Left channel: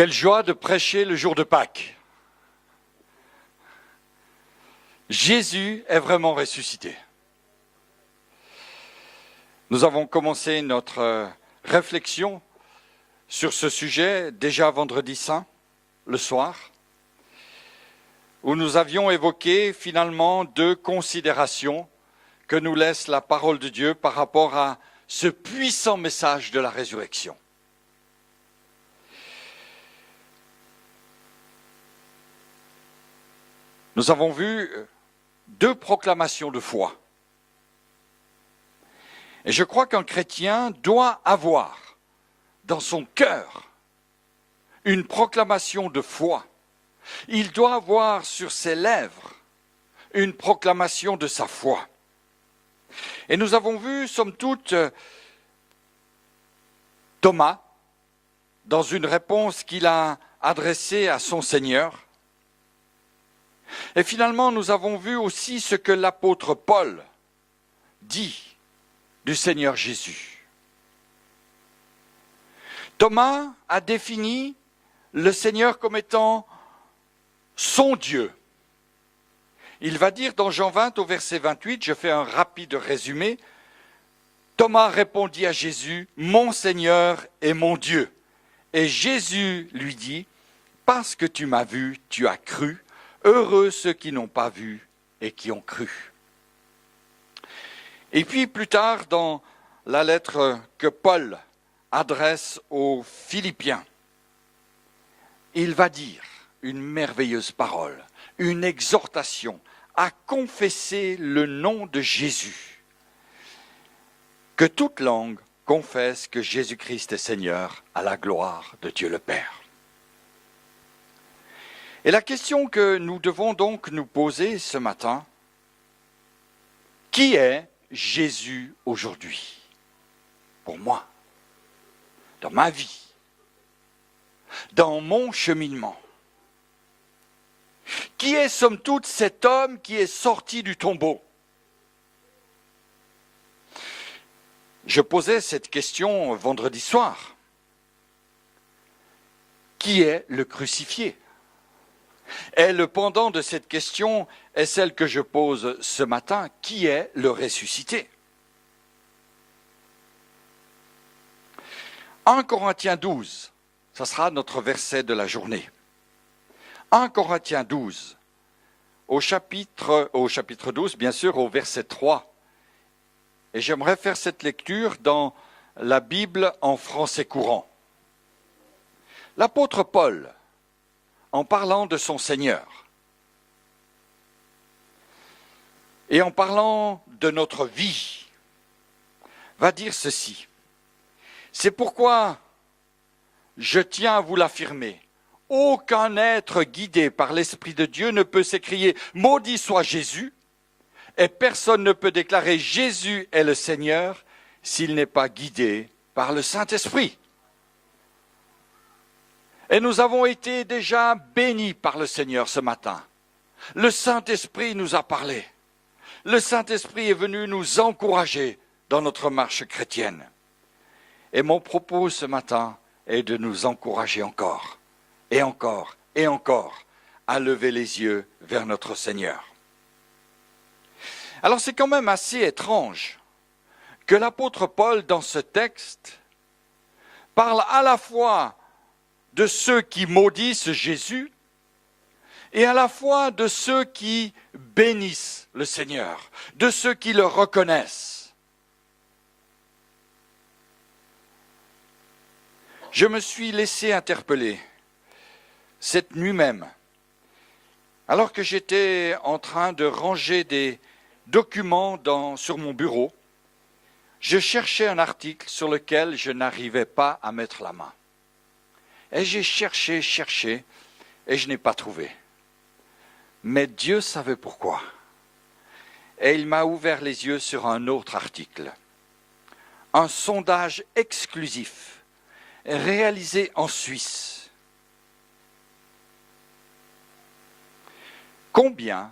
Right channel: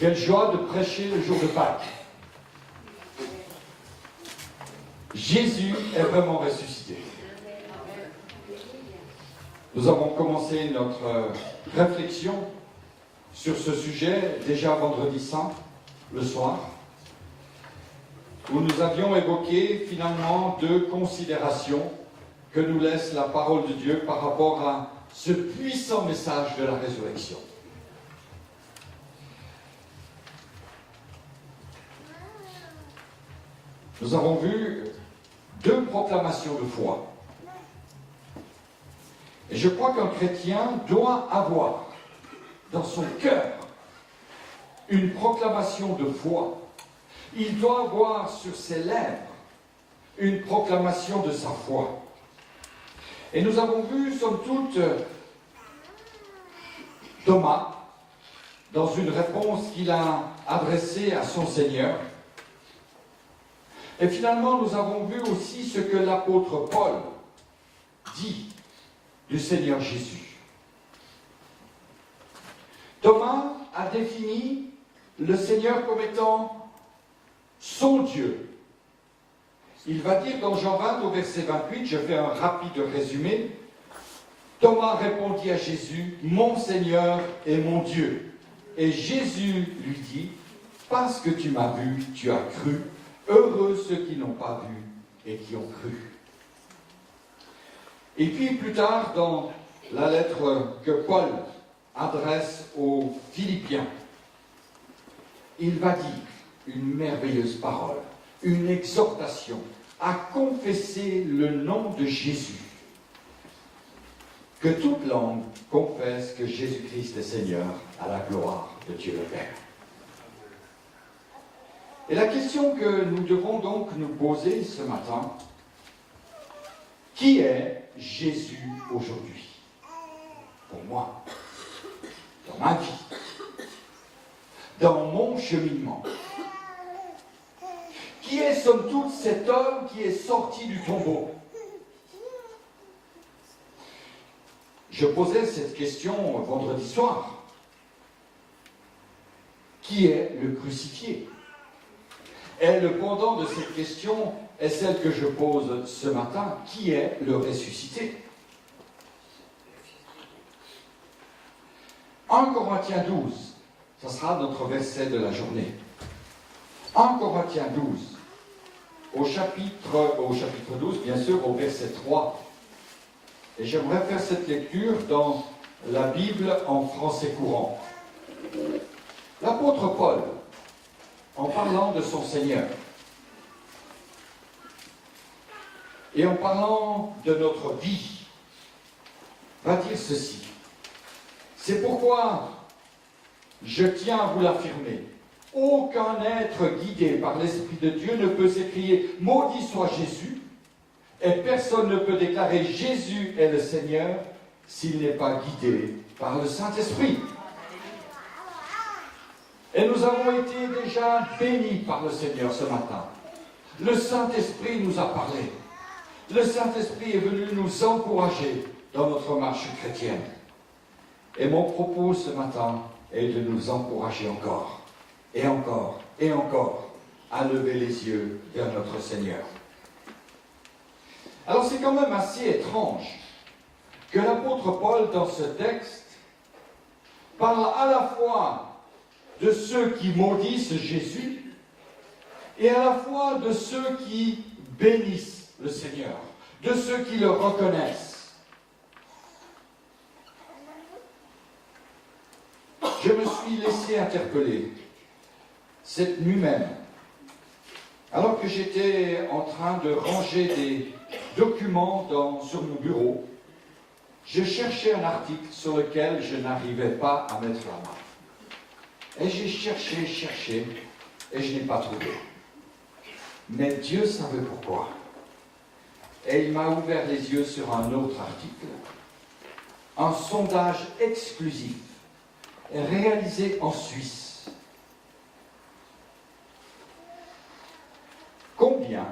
Quelle joie de prêcher le jour de Pâques. Jésus est vraiment ressuscité. Nous avons commencé notre réflexion sur ce sujet déjà vendredi saint, le soir, où nous avions évoqué finalement deux considérations que nous laisse la parole de Dieu par rapport à ce puissant message de la résurrection. Nous avons vu deux proclamations de foi. Et je crois qu'un chrétien doit avoir dans son cœur une proclamation de foi. Il doit avoir sur ses lèvres une proclamation de sa foi. Et nous avons vu, somme toute, Thomas, dans une réponse qu'il a adressée à son Seigneur. Et finalement, nous avons vu aussi ce que l'apôtre Paul dit du Seigneur Jésus. Thomas a défini le Seigneur comme étant son Dieu. Il va dire dans Jean 20 au verset 28, je fais un rapide résumé, Thomas répondit à Jésus, « Mon Seigneur et mon Dieu. » Et Jésus lui dit, « Parce que tu m'as vu, tu as cru. Heureux ceux qui n'ont pas vu et qui ont cru. » Et puis plus tard, dans la lettre que Paul adresse aux Philippiens, il va dire une merveilleuse parole, une exhortation à confesser le nom de Jésus. Que toute langue confesse que Jésus-Christ est Seigneur à la gloire de Dieu le Père. Et la question que nous devons donc nous poser ce matin, qui est Jésus aujourd'hui? Pour moi, dans ma vie, dans mon cheminement. Qui est, somme toute, cet homme qui est sorti du tombeau? Je posais cette question vendredi soir. Qui est le crucifié? Et le pendant de cette question est celle que je pose ce matin. Qui est le ressuscité? 1 Corinthiens 12, ça sera notre verset de la journée. 1 Corinthiens 12, au chapitre 12, bien sûr, au verset 3. Et j'aimerais faire cette lecture dans la Bible en français courant. L'apôtre Paul, en parlant de son Seigneur, et en parlant de notre vie, va dire ceci. C'est pourquoi je tiens à vous l'affirmer. Aucun être guidé par l'Esprit de Dieu ne peut s'écrier « Maudit soit Jésus » et personne ne peut déclarer « Jésus est le Seigneur » s'il n'est pas guidé par le Saint-Esprit. Et nous avons été déjà bénis par le Seigneur ce matin. Le Saint-Esprit nous a parlé. Le Saint-Esprit est venu nous encourager dans notre marche chrétienne. Et mon propos ce matin est de nous encourager encore, et encore, et encore, à lever les yeux vers notre Seigneur. Alors c'est quand même assez étrange que l'apôtre Paul, dans ce texte, parle à la fois de ceux qui maudissent Jésus et à la fois de ceux qui bénissent le Seigneur, de ceux qui le reconnaissent. Je me suis laissé interpeller cette nuit même, alors que j'étais en train de ranger des documents sur mon bureau. Je cherchais un article sur lequel je n'arrivais pas à mettre la main. Et j'ai cherché, et je n'ai pas trouvé. Mais Dieu savait pourquoi. Et il m'a ouvert les yeux sur un autre article. Un sondage exclusif réalisé en Suisse. Combien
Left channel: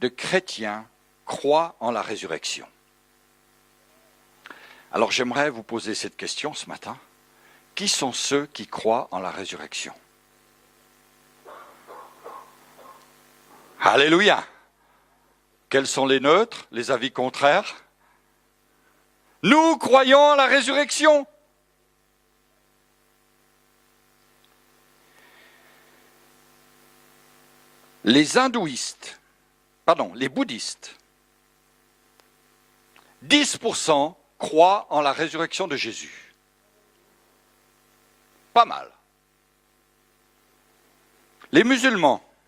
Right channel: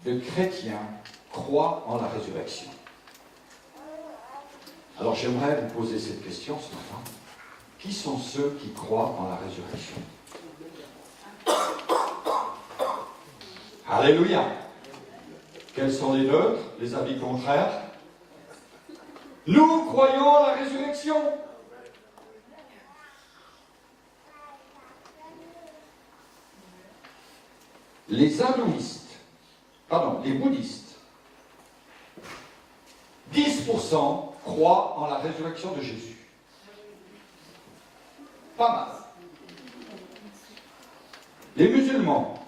de chrétiens croient en la résurrection? Alors j'aimerais vous poser cette question ce matin. Qui sont ceux qui croient en la résurrection? Alléluia. Quels sont les neutres, les avis contraires? Nous croyons à la résurrection. Les bouddhistes, 10% croient en la résurrection de Jésus. Pas mal. Les musulmans,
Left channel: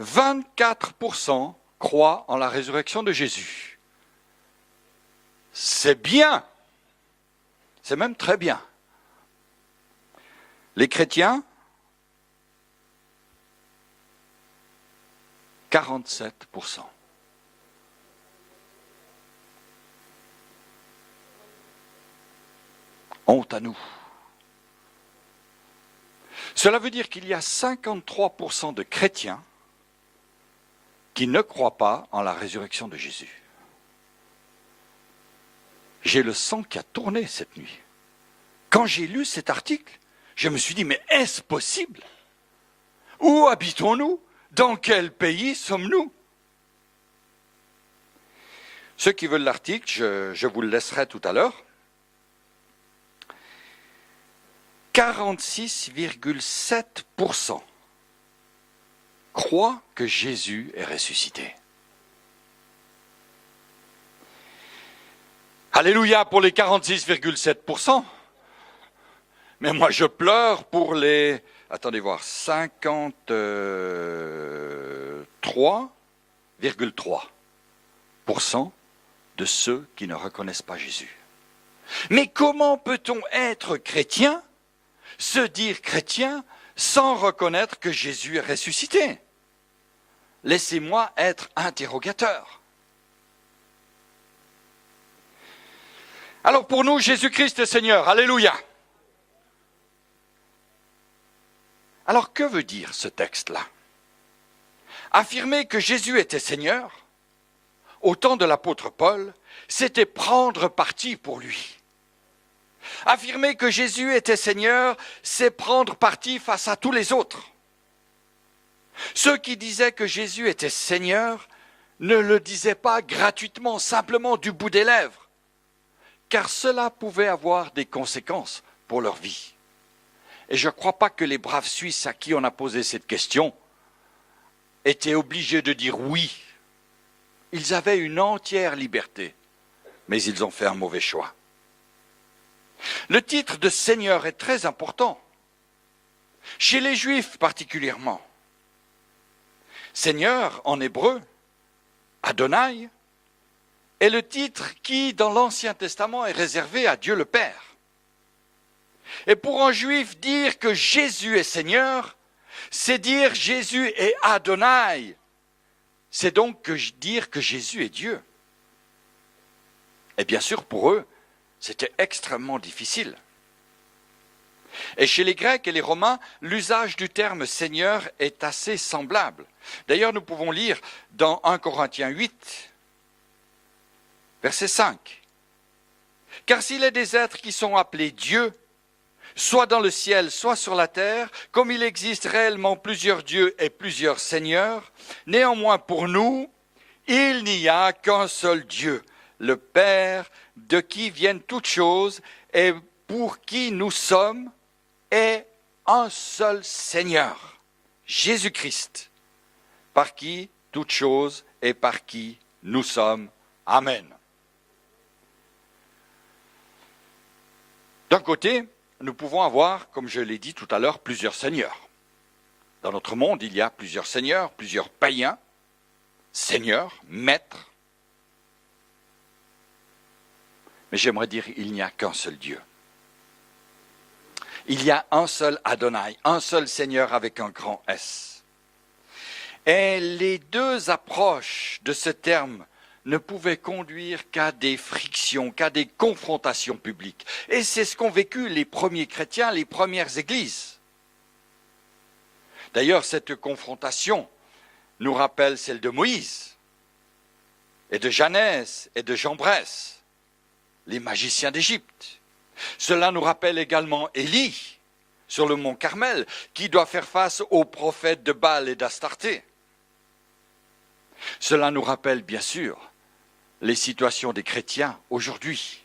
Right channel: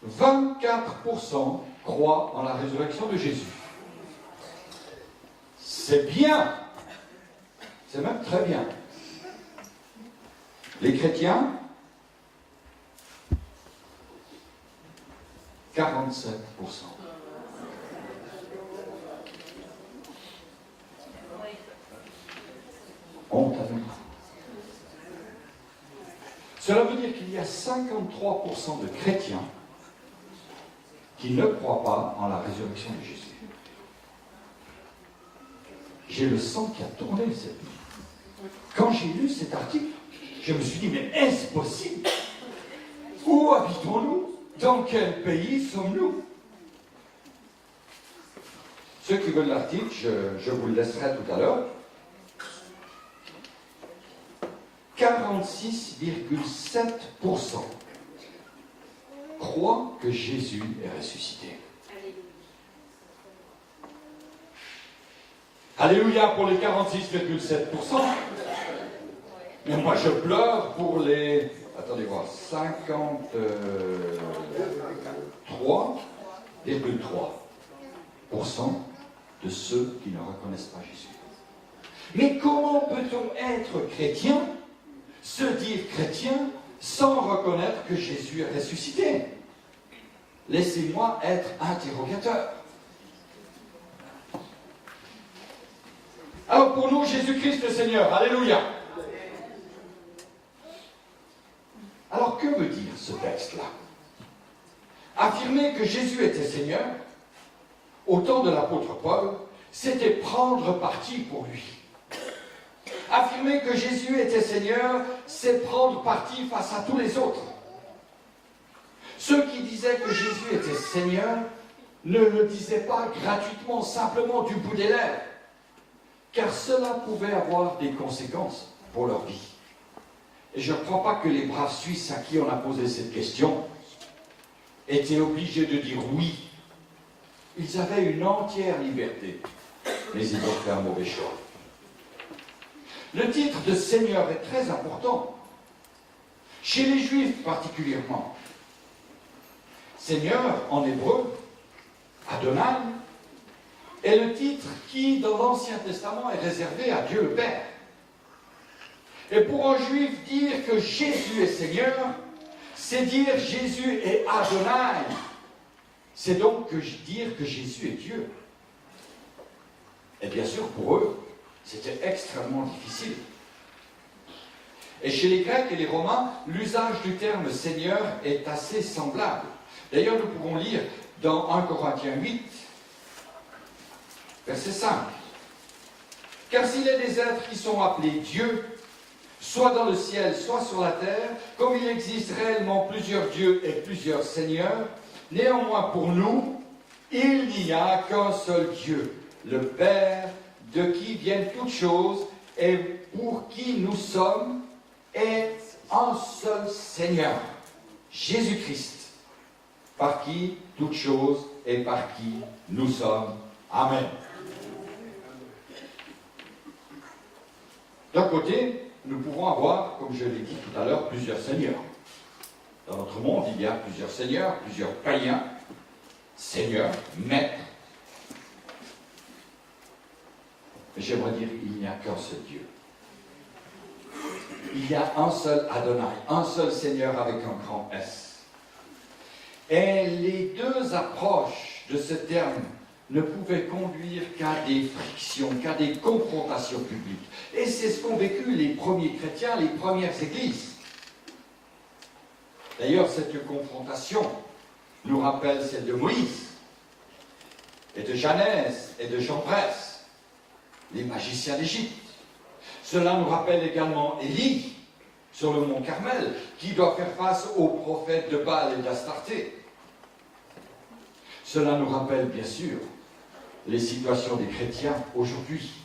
24% croient en la résurrection de Jésus. C'est bien. C'est même très bien. Les chrétiens, 47%. Honte à nous. Cela veut dire qu'il y a 53% de chrétiens qui ne croient pas en la résurrection de Jésus. J'ai le sang qui a tourné cette nuit. Quand j'ai lu cet article, je me suis dit, mais est-ce possible? Où habitons-nous? Dans quel pays sommes-nous? Ceux qui veulent l'article, je vous le laisserai tout à l'heure. 46,7% croient que Jésus est ressuscité. Alléluia pour les 46,7%. Mais moi je pleure pour les... Attendez voir, 53,3% de ceux qui ne reconnaissent pas Jésus. Mais comment peut-on être chrétien, se dire chrétien, sans reconnaître que Jésus est ressuscité? Laissez-moi être interrogateur. Alors pour nous, Jésus-Christ est Seigneur. Alléluia. Alors que veut dire ce texte-là? Affirmer que Jésus était Seigneur, au temps de l'apôtre Paul, c'était prendre parti pour lui. Affirmer que Jésus était Seigneur, c'est prendre parti face à tous les autres. Ceux qui disaient que Jésus était Seigneur ne le disaient pas gratuitement, simplement du bout des lèvres, car cela pouvait avoir des conséquences pour leur vie. Et je ne crois pas que les braves Suisses à qui on a posé cette question étaient obligés de dire oui. Ils avaient une entière liberté, mais ils ont fait un mauvais choix. Le titre de Seigneur est très important, chez les Juifs particulièrement. Seigneur, en hébreu, Adonai, est le titre qui, dans l'Ancien Testament, est réservé à Dieu le Père. Et pour un Juif, dire que Jésus est Seigneur, c'est dire Jésus est Adonai. C'est donc dire que Jésus est Dieu. Et bien sûr, pour eux, c'était extrêmement difficile. Et chez les Grecs et les Romains, l'usage du terme Seigneur est assez semblable. D'ailleurs, nous pouvons lire dans 1 Corinthiens 8, verset 5. « Car s'il est des êtres qui sont appelés Dieu, soit dans le ciel, soit sur la terre, comme il existe réellement plusieurs dieux et plusieurs seigneurs, néanmoins pour nous, il n'y a qu'un seul Dieu, le Père, de qui viennent toutes choses et pour qui nous sommes, et un seul Seigneur, Jésus-Christ, par qui toutes choses et par qui nous sommes. Amen. » D'un côté, nous pouvons avoir, comme je l'ai dit tout à l'heure, plusieurs seigneurs. Dans notre monde, il y a plusieurs seigneurs, plusieurs païens, seigneurs, maîtres. Mais j'aimerais dire, il n'y a qu'un seul Dieu. Il y a un seul Adonai, un seul Seigneur avec un grand S. Et les deux approches de ce terme ne pouvaient conduire qu'à des frictions, qu'à des confrontations publiques. Et c'est ce qu'ont vécu les premiers chrétiens, les premières églises. D'ailleurs, cette confrontation nous rappelle celle de Moïse, et de Janès, et de Jambres, les magiciens d'Égypte. Cela nous rappelle également Élie, sur le mont Carmel, qui doit faire face aux prophètes de Baal et d'Astarté. Cela nous rappelle bien sûr les situations des chrétiens aujourd'hui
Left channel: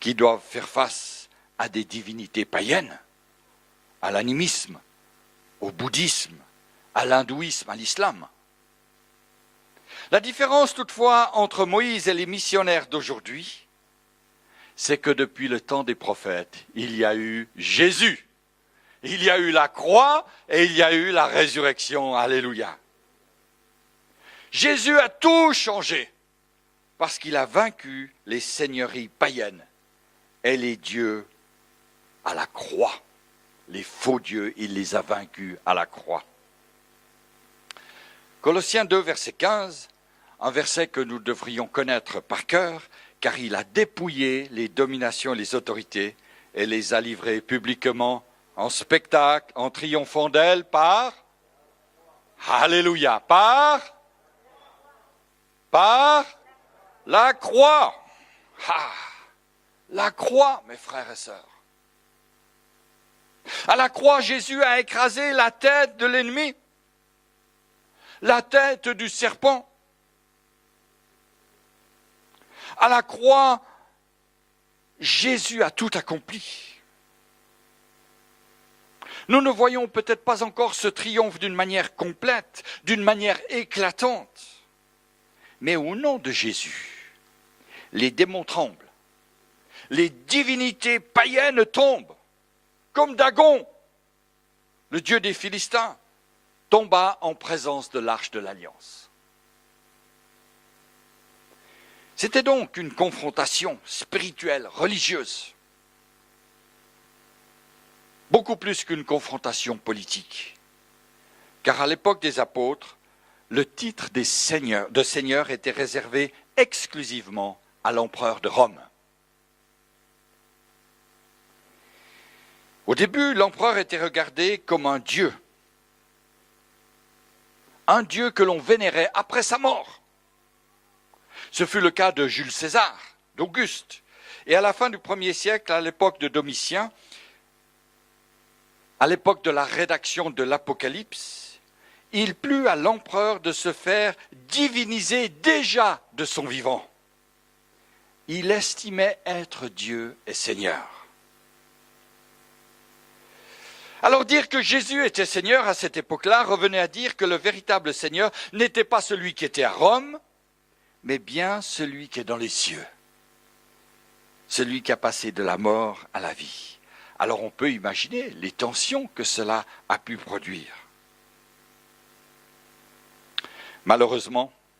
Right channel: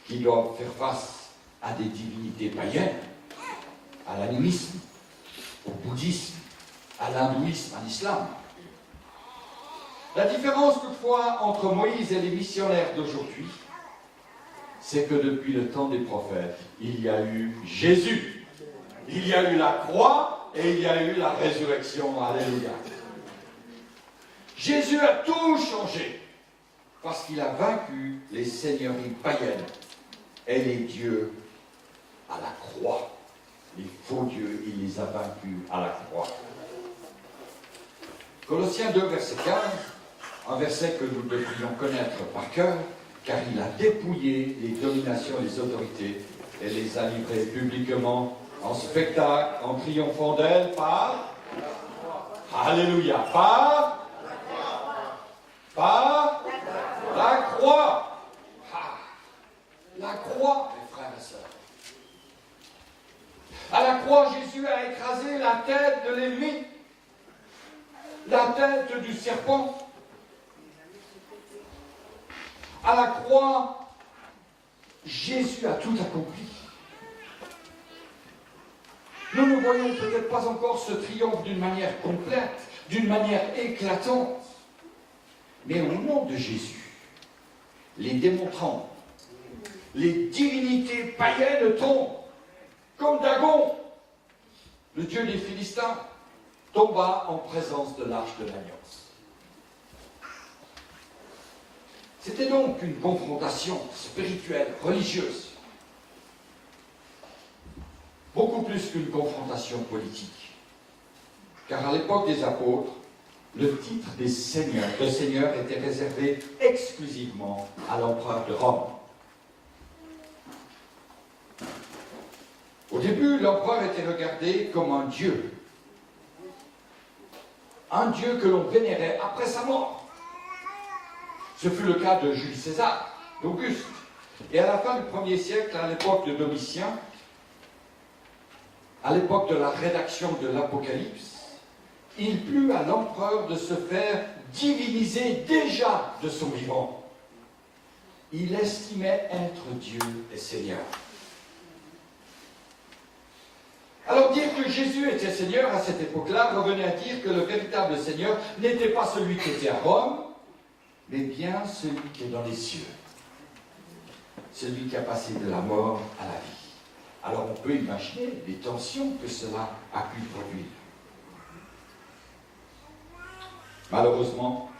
qui doivent faire face à des divinités païennes, à l'animisme, au bouddhisme, à l'hindouisme, à l'islam. La différence toutefois entre Moïse et les missionnaires d'aujourd'hui, c'est que depuis le temps des prophètes, il y a eu Jésus, il y a eu la croix et il y a eu la résurrection. Alléluia. Jésus a tout changé parce qu'il a vaincu les seigneuries païennes et les dieux à la croix. Les faux dieux, il les a vaincus à la croix. Colossiens 2, verset 15, un verset que nous devrions connaître par cœur, car il a dépouillé les dominations et les autorités et les a livrées publiquement en spectacle, en triomphant d'elles par... Alléluia. Par la croix. Ah, la croix, mes frères et sœurs. À la croix, Jésus a écrasé la tête de l'ennemi, la tête du serpent. À la croix, Jésus a tout accompli. Nous ne voyons peut-être pas encore ce triomphe d'une manière complète, d'une manière éclatante. Mais au nom de Jésus, les démons tremblent. Les divinités païennes tombent. Comme Dagon, le dieu des Philistins, tomba en présence de l'arche de l'alliance. C'était donc une confrontation spirituelle, religieuse, beaucoup plus qu'une confrontation politique. Car à l'époque des apôtres, le titre de seigneur était réservé exclusivement à l'empereur de Rome. Au début, l'empereur était regardé comme un dieu que l'on vénérait après sa mort. Ce fut le cas de Jules César, d'Auguste. Et à la fin du 1er siècle, à l'époque de Domitien, à l'époque de la rédaction de l'Apocalypse, il plut à l'empereur de se faire diviniser déjà de son vivant. Il estimait être Dieu et Seigneur. Alors dire que Jésus était Seigneur à cette époque-là revenait à dire que le véritable Seigneur n'était pas celui qui était à Rome, mais bien celui qui est dans les cieux. Celui qui a passé de la mort à la vie. Alors on peut imaginer les tensions que cela a pu produire. Malheureusement,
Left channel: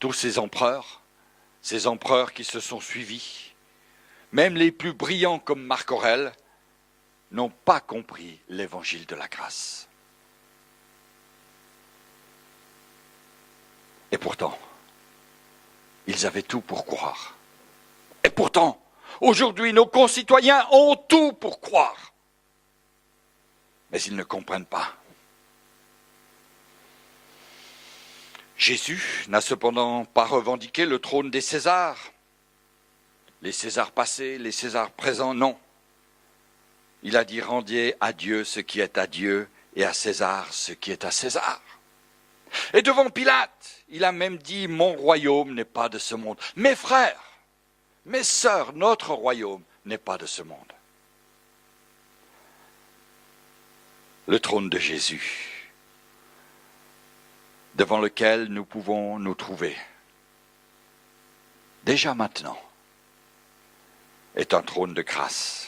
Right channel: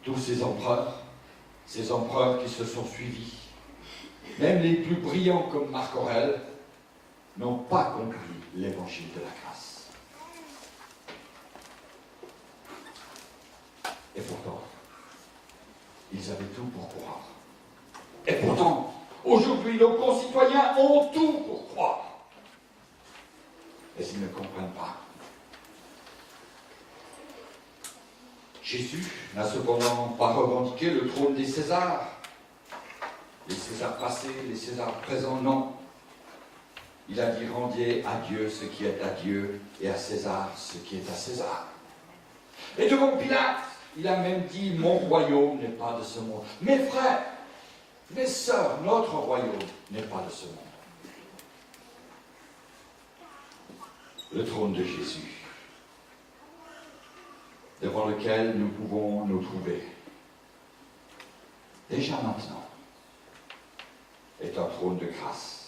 tous ces empereurs qui se sont suivis, même les plus brillants comme Marc Aurèle, n'ont pas compris l'évangile de la grâce. Et pourtant, ils avaient tout pour croire. Et pourtant, aujourd'hui, nos concitoyens ont tout pour croire. Mais ils ne comprennent pas. Jésus n'a cependant pas revendiqué le trône des Césars. Les Césars passés, les Césars présents, non. Il a dit « Rendiez à Dieu ce qui est à Dieu et à César ce qui est à César ». Et devant Pilate, il a même dit « Mon royaume n'est pas de ce monde ». Mes frères, mes sœurs, notre royaume n'est pas de ce monde. Le trône de Jésus, devant lequel nous pouvons nous trouver, déjà maintenant, est un trône de grâce,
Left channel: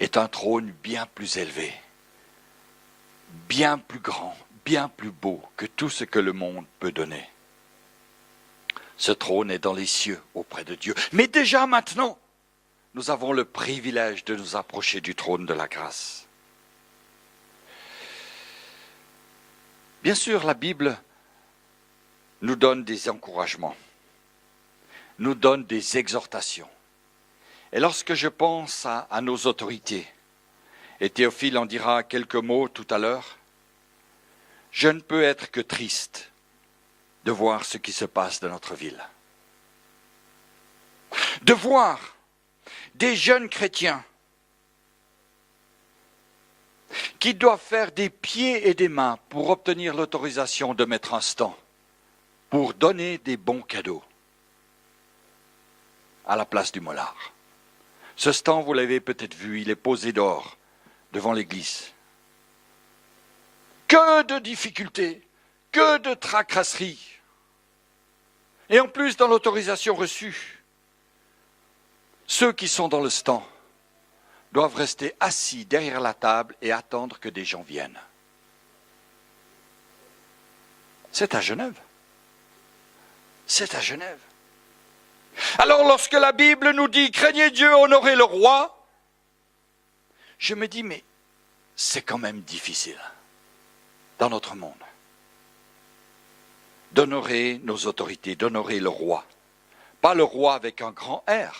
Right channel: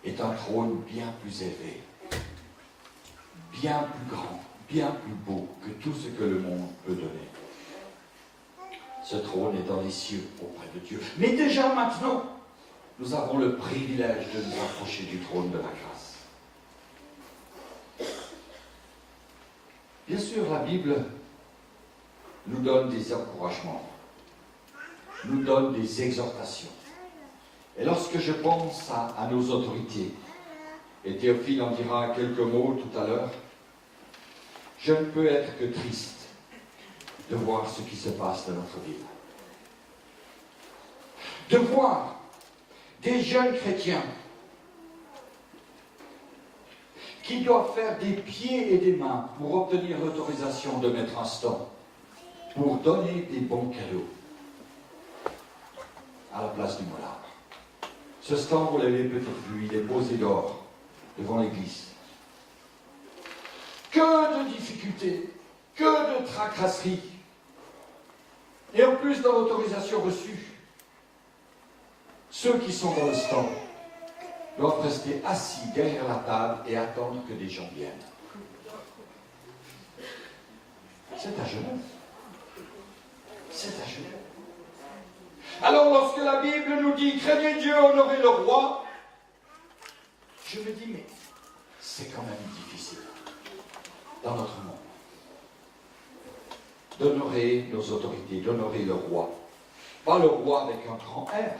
est un trône bien plus élevé, bien plus grand, bien plus beau que tout ce que le monde peut donner. Ce trône est dans les cieux auprès de Dieu. Mais déjà maintenant, nous avons le privilège de nous approcher du trône de la grâce. Bien sûr, la Bible nous donne des encouragements, nous donne des exhortations. Et lorsque je pense à nos autorités, et Théophile en dira quelques mots tout à l'heure, je ne peux être que triste de voir ce qui se passe dans notre ville. De voir des jeunes chrétiens qui doivent faire des pieds et des mains pour obtenir l'autorisation de mettre un stand pour donner des bons cadeaux à la place du mollard. Ce stand, vous l'avez peut-être vu, il est posé dehors, devant l'église. Que de difficultés, que de tracasseries. Et en plus, dans l'autorisation reçue, ceux qui sont dans le stand doivent rester assis derrière la table et attendre que des gens viennent. C'est à Genève. C'est à Genève. Alors lorsque la Bible nous dit « Craignez Dieu, honorez le roi », je me dis « Mais c'est quand même difficile dans notre monde d'honorer nos autorités, d'honorer le roi. Pas le roi avec un grand R.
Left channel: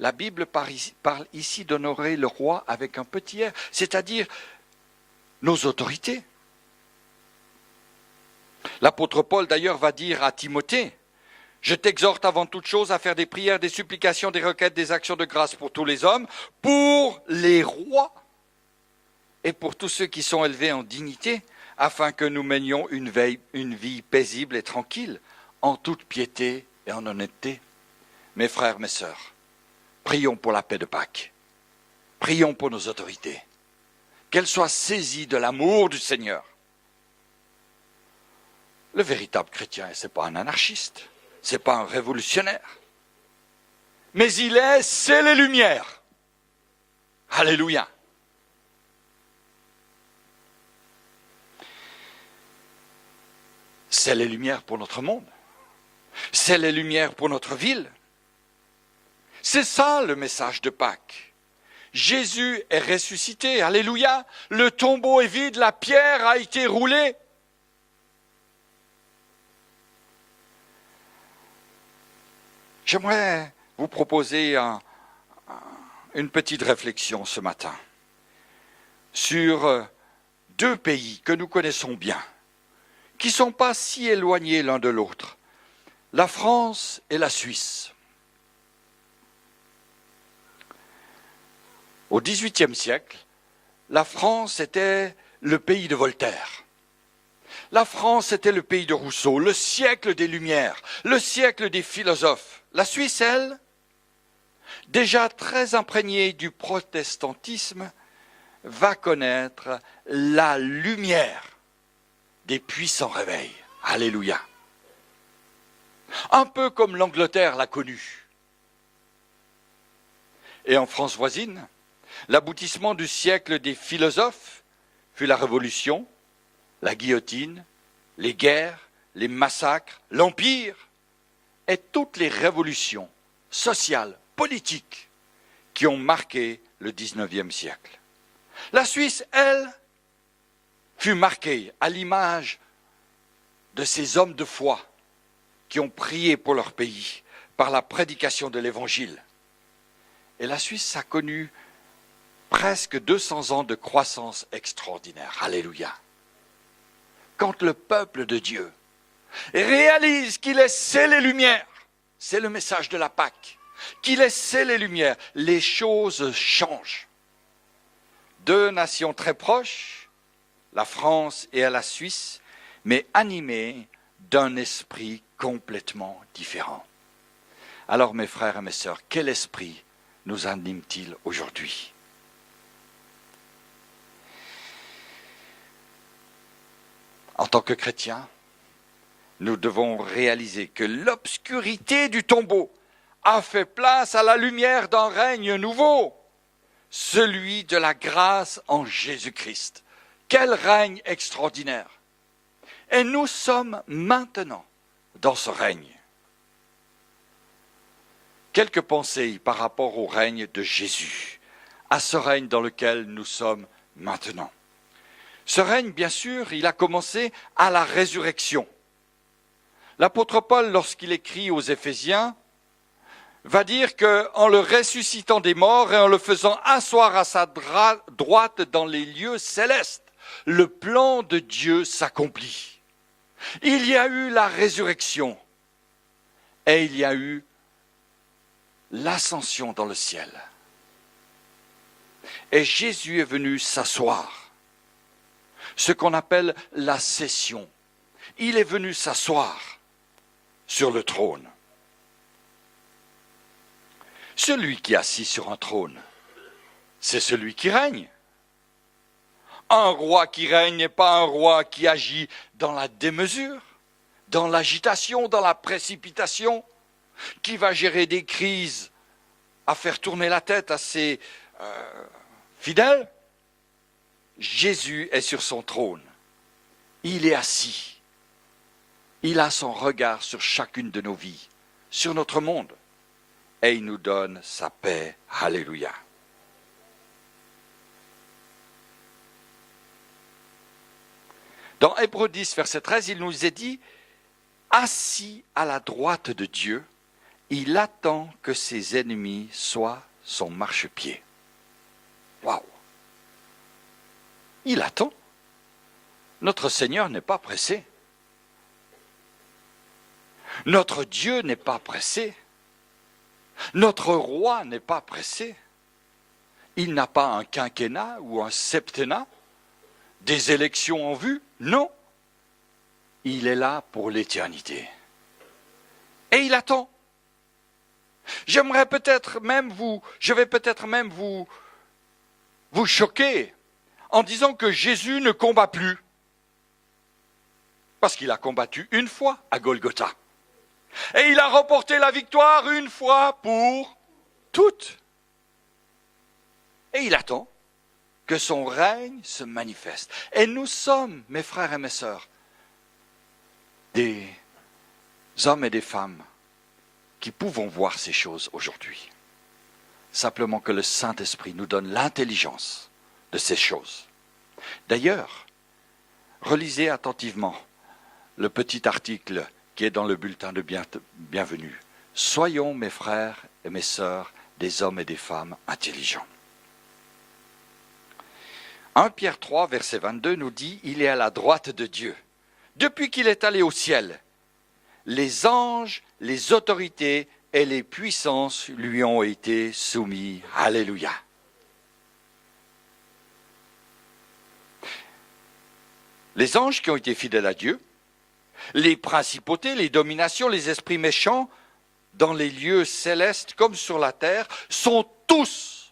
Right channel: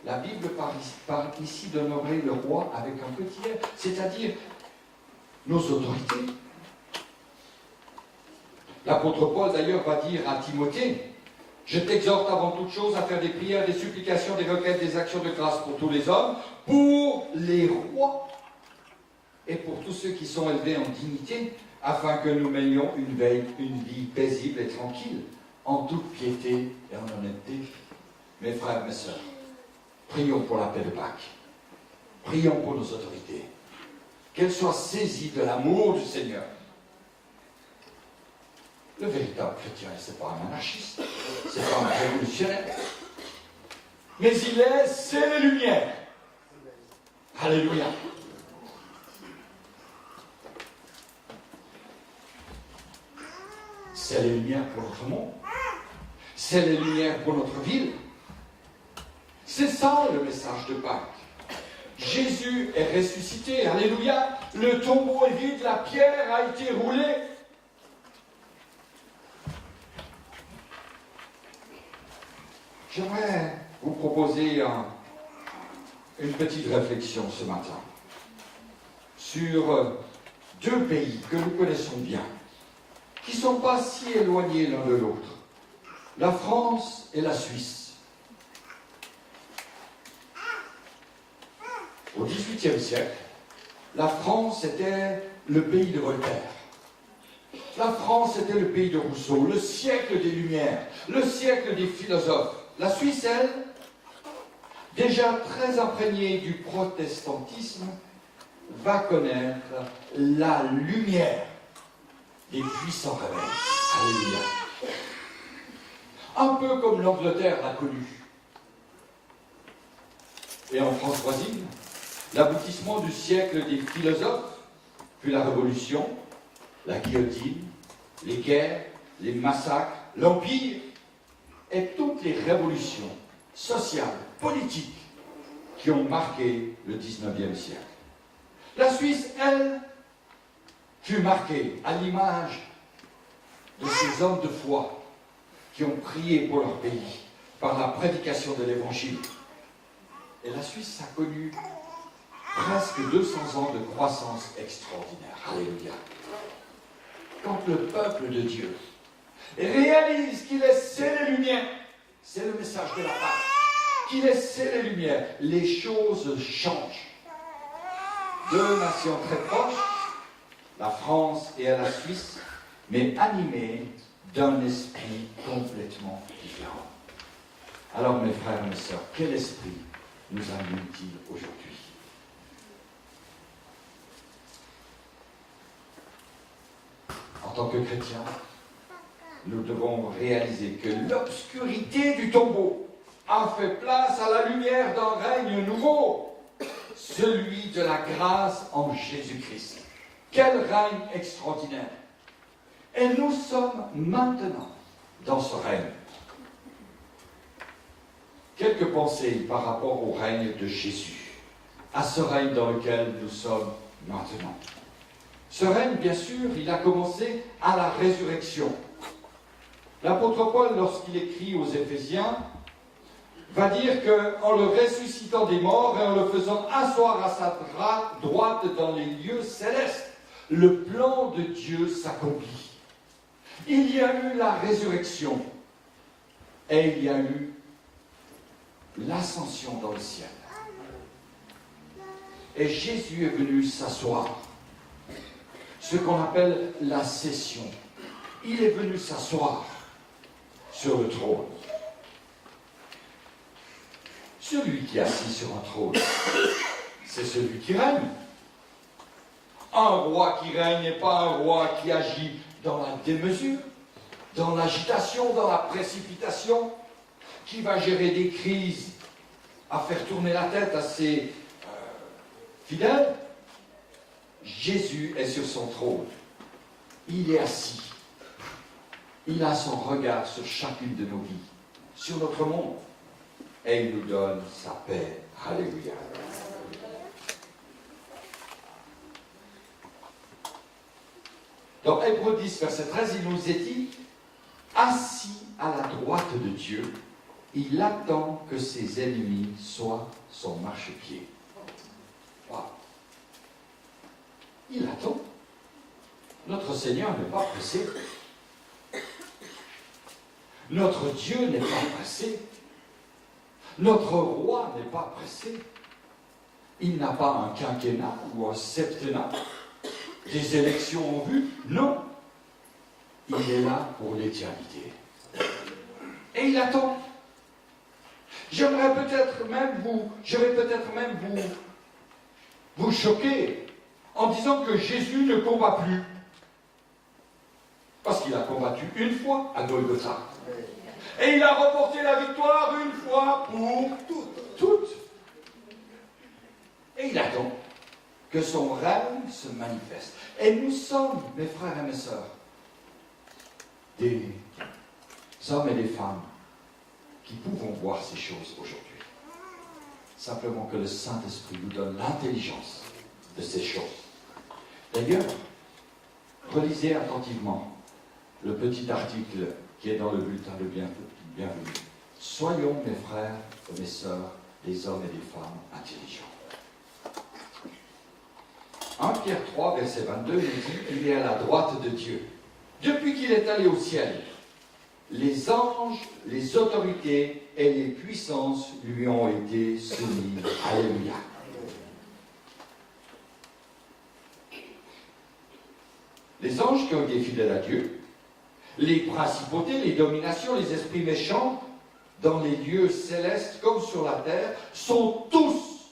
La Bible parle ici d'honorer le roi avec un petit R, c'est-à-dire nos autorités. L'apôtre Paul d'ailleurs va dire à Timothée, « Je t'exhorte avant toute chose à faire des prières, des supplications, des requêtes, des actions de grâce pour tous les hommes, pour les rois et pour tous ceux qui sont élevés en dignité, afin que nous menions une vie paisible et tranquille, en toute piété et en honnêteté. » Mes frères, mes sœurs, prions pour la paix de Pâques. Prions pour nos autorités. Qu'elles soient saisies de l'amour du Seigneur. Le véritable chrétien, ce n'est pas un anarchiste, ce n'est pas un révolutionnaire. Mais c'est les Lumières. Alléluia. C'est les Lumières pour notre monde. C'est les Lumières pour notre ville. C'est ça le message de Pâques. Jésus est ressuscité, alléluia. Le tombeau est vide, la pierre a été roulée. J'aimerais vous proposer une petite réflexion ce matin sur deux pays que nous connaissons bien, qui ne sont pas si éloignés l'un de l'autre, la France et la Suisse. Au XVIIIe siècle, la France était le pays de Voltaire. La France était le pays de Rousseau, le siècle des Lumières, le siècle des philosophes. La Suisse, elle, déjà très imprégnée du protestantisme, va connaître la lumière des puissants réveils. Alléluia. Un peu comme l'Angleterre l'a connue. Et en France voisine, l'aboutissement du siècle des philosophes fut la Révolution, la guillotine, les guerres, les massacres, l'Empire et toutes les révolutions sociales, politiques qui ont marqué le XIXe siècle. La Suisse, elle, fut marquée à l'image de ces hommes de foi qui ont prié pour leur pays par la prédication de l'Évangile. Et la Suisse a connu presque 200 ans de croissance extraordinaire. Alléluia. Quand le peuple de Dieu réalise qu'il est les Lumières, c'est le message de la Pâque, qu'il est les Lumières, les choses changent. Deux nations très proches, la France et la Suisse, mais animées d'un esprit complètement différent. Alors mes frères et mes sœurs, quel esprit nous anime-t-il aujourd'hui ? En tant que chrétiens, nous devons réaliser que l'obscurité du tombeau a fait place à la lumière d'un règne nouveau, celui de la grâce en Jésus-Christ. Quel règne extraordinaire! Et nous sommes maintenant dans ce règne. Quelques pensées par rapport au règne de Jésus, à ce règne dans lequel nous sommes maintenant. Ce règne, bien sûr, il a commencé à la résurrection. L'apôtre Paul, lorsqu'il écrit aux Éphésiens, va dire qu'en le ressuscitant des morts et en le faisant asseoir à sa droite dans les lieux célestes, le plan de Dieu s'accomplit. Il y a eu la résurrection et il y a eu l'ascension dans le ciel. Et Jésus est venu s'asseoir. Ce qu'on appelle la session. Il est venu s'asseoir. sur le trône. Celui qui est assis sur un trône, c'est celui qui règne. Un roi qui règne n'est pas un roi qui agit dans la démesure, dans l'agitation, dans la précipitation, qui va gérer des crises, à faire tourner la tête à ses fidèles. Jésus est sur son trône. Il est assis. Il a son regard sur chacune de nos vies, sur notre monde. Et il nous donne sa paix. Alléluia. Dans Hébreux 10, verset 13, il nous est dit, assis à la droite de Dieu, il attend que ses ennemis soient son marchepied. Waouh! Il attend. Notre Seigneur n'est pas pressé. Notre Dieu n'est pas pressé. Notre roi n'est pas pressé. Il n'a pas un quinquennat ou un septennat, des élections en vue. Non. Il est là pour l'éternité. Et il attend. Je vais peut-être même vous choquer en disant que Jésus ne combat plus. Parce qu'il a combattu une fois à Golgotha. Et il a remporté la victoire une fois pour toutes. Et il attend que son règne se manifeste. Et nous sommes, mes frères et mes sœurs, des hommes et des femmes qui pouvons voir ces choses aujourd'hui. Simplement que le Saint-Esprit nous donne l'intelligence de ces choses. D'ailleurs, relisez attentivement le petit article qui est dans le bulletin de bienvenue. Soyons, mes frères et mes sœurs, des hommes et des femmes intelligents. 1 Pierre 3, verset 22 nous dit « Il est à la droite de Dieu. Depuis qu'il est allé au ciel, les anges, les autorités et les puissances lui ont été soumis. » Alléluia. Les anges qui ont été fidèles à Dieu, les principautés, les dominations, les esprits méchants, dans les lieux célestes comme sur la terre, sont tous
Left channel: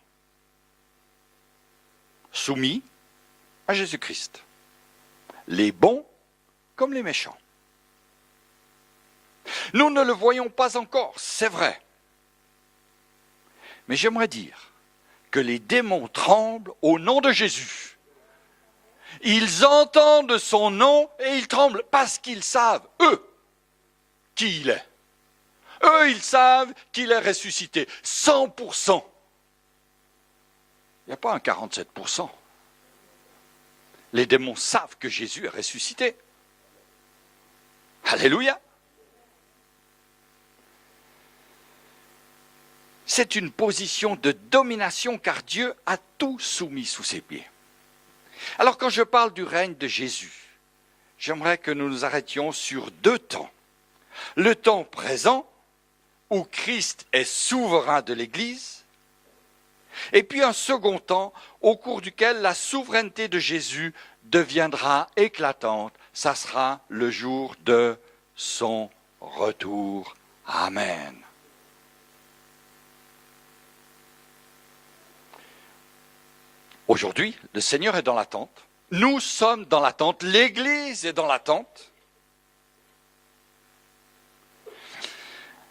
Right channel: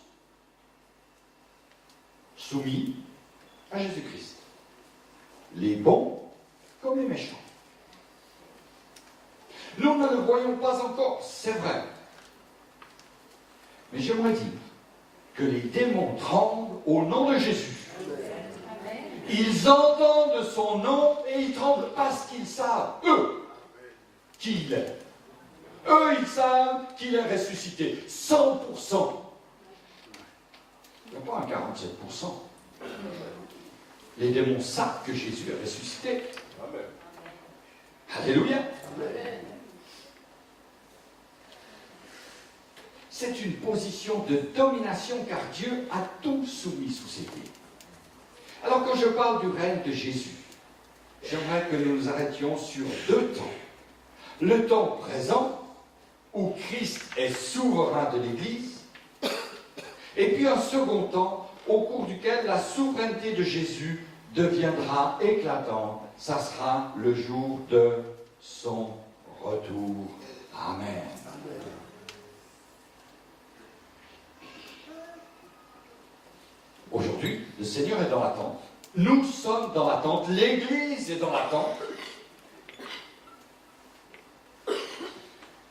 soumis à Jésus-Christ. Les bons comme les méchants. Nous ne le voyons pas encore, c'est vrai. Mais j'aimerais dire que les démons tremblent au nom de Jésus. Ils entendent son nom et ils tremblent parce qu'ils savent, eux, qui il est. Eux, ils savent qu'il est ressuscité. 100%. Il n'y a pas un 47%. Les démons savent que Jésus est ressuscité. Alléluia. C'est une position de domination car Dieu a tout soumis sous ses pieds. Alors quand je parle du règne de Jésus, j'aimerais que nous nous arrêtions sur deux temps. Le temps présent, où Christ est souverain de l'Église, et puis un second temps, au cours duquel la souveraineté de Jésus deviendra éclatante. Ça sera le jour de son retour. Amen. Aujourd'hui, le Seigneur est dans l'attente. Nous sommes dans l'attente. L'Église est dans l'attente.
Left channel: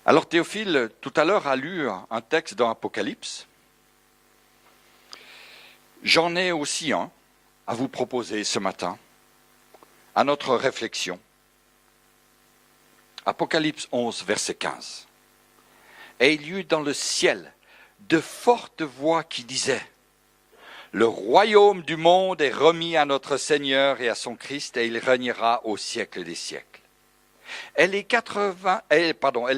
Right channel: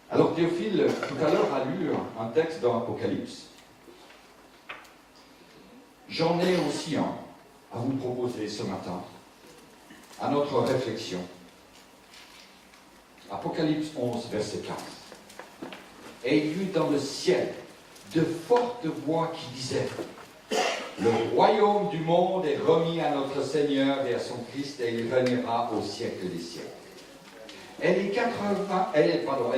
Alors Théophile, tout à l'heure, a lu un texte dans l'Apocalypse. J'en ai aussi un à vous proposer ce matin, à notre réflexion. Apocalypse 11, verset 15. Et il y eut dans le ciel de fortes voix qui disaient « Le royaume du monde est remis à notre Seigneur et à son Christ, et il régnera au siècle des siècles. » Et les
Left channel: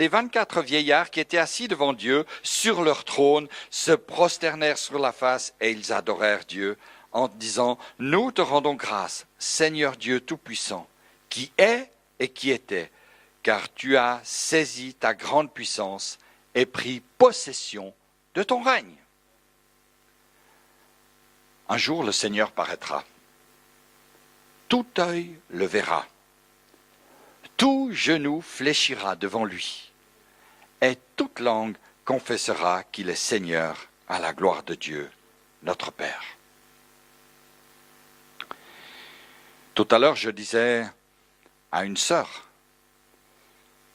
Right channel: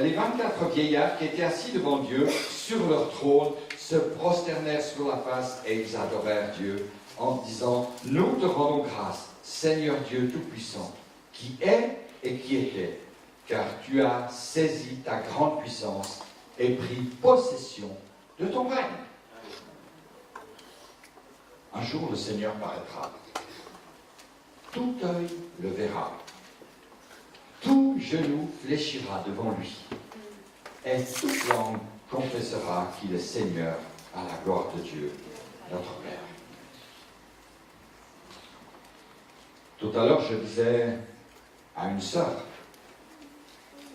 24 vieillards qui étaient assis devant Dieu sur leur trône se prosternèrent sur la face et ils adorèrent Dieu en disant « Nous te rendons grâce, Seigneur Dieu Tout-Puissant, qui est et qui était, car tu as saisi ta grande puissance et pris possession de ton règne. » Un jour, le Seigneur paraîtra. Tout œil le verra. tout genou fléchira devant lui, et toute langue confessera qu'il est Seigneur à la gloire de Dieu, notre Père. Tout à l'heure, je disais à une sœur,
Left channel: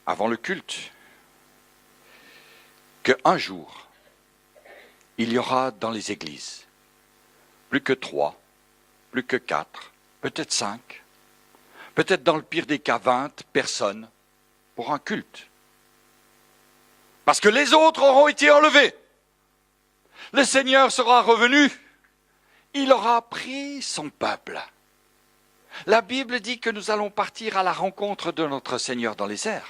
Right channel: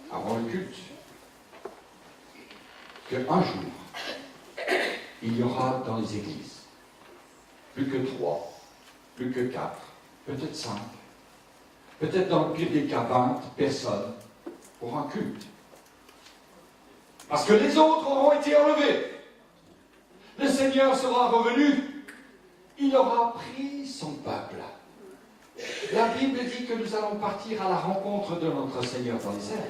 avant le culte, qu'un jour, il y aura dans les églises plus que 3, plus que 4, peut-être 5, peut-être dans le pire des cas 20 personnes pour un culte. Parce que les autres auront été enlevés. Le Seigneur sera revenu. Il aura pris son peuple. La Bible dit que nous allons partir à la rencontre de notre Seigneur dans les airs.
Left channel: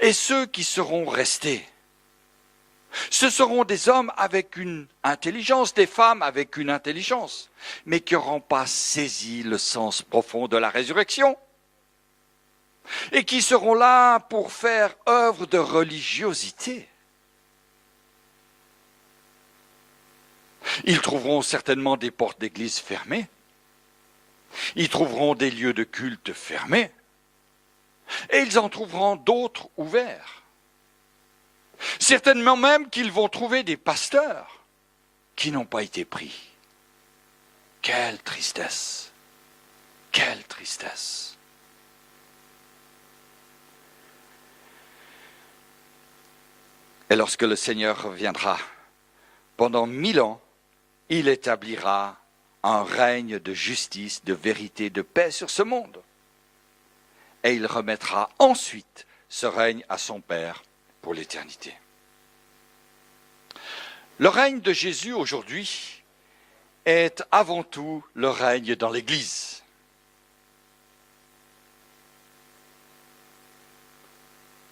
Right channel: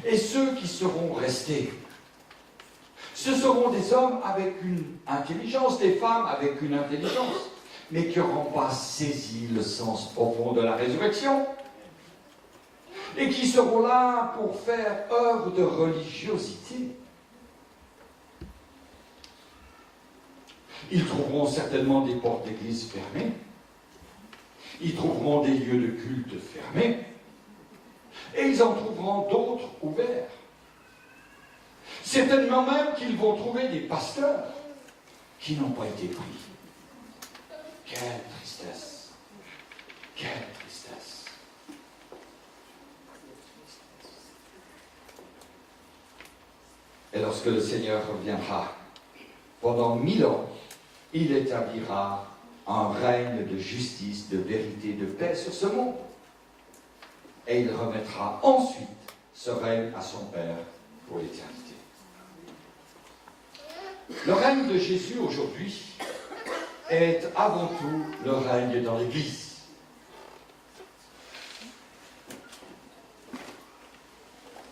Et ceux qui seront restés, ce seront des hommes avec une intelligence, des femmes avec une intelligence, mais qui n'auront pas saisi le sens profond de la résurrection. Et qui seront là pour faire œuvre de religiosité. Ils trouveront certainement des portes d'église fermées. Ils trouveront des lieux de culte fermés. Et ils en trouveront d'autres ouverts. Certainement même qu'ils vont trouver des pasteurs qui n'ont pas été pris. Quelle tristesse! Quelle tristesse! Et lorsque le Seigneur reviendra, pendant 1000 ans, il établira un règne de justice, de vérité, de paix sur ce monde. Et il remettra ensuite ce règne à son Père pour l'éternité. Le règne de Jésus aujourd'hui est avant tout le règne dans l'Église.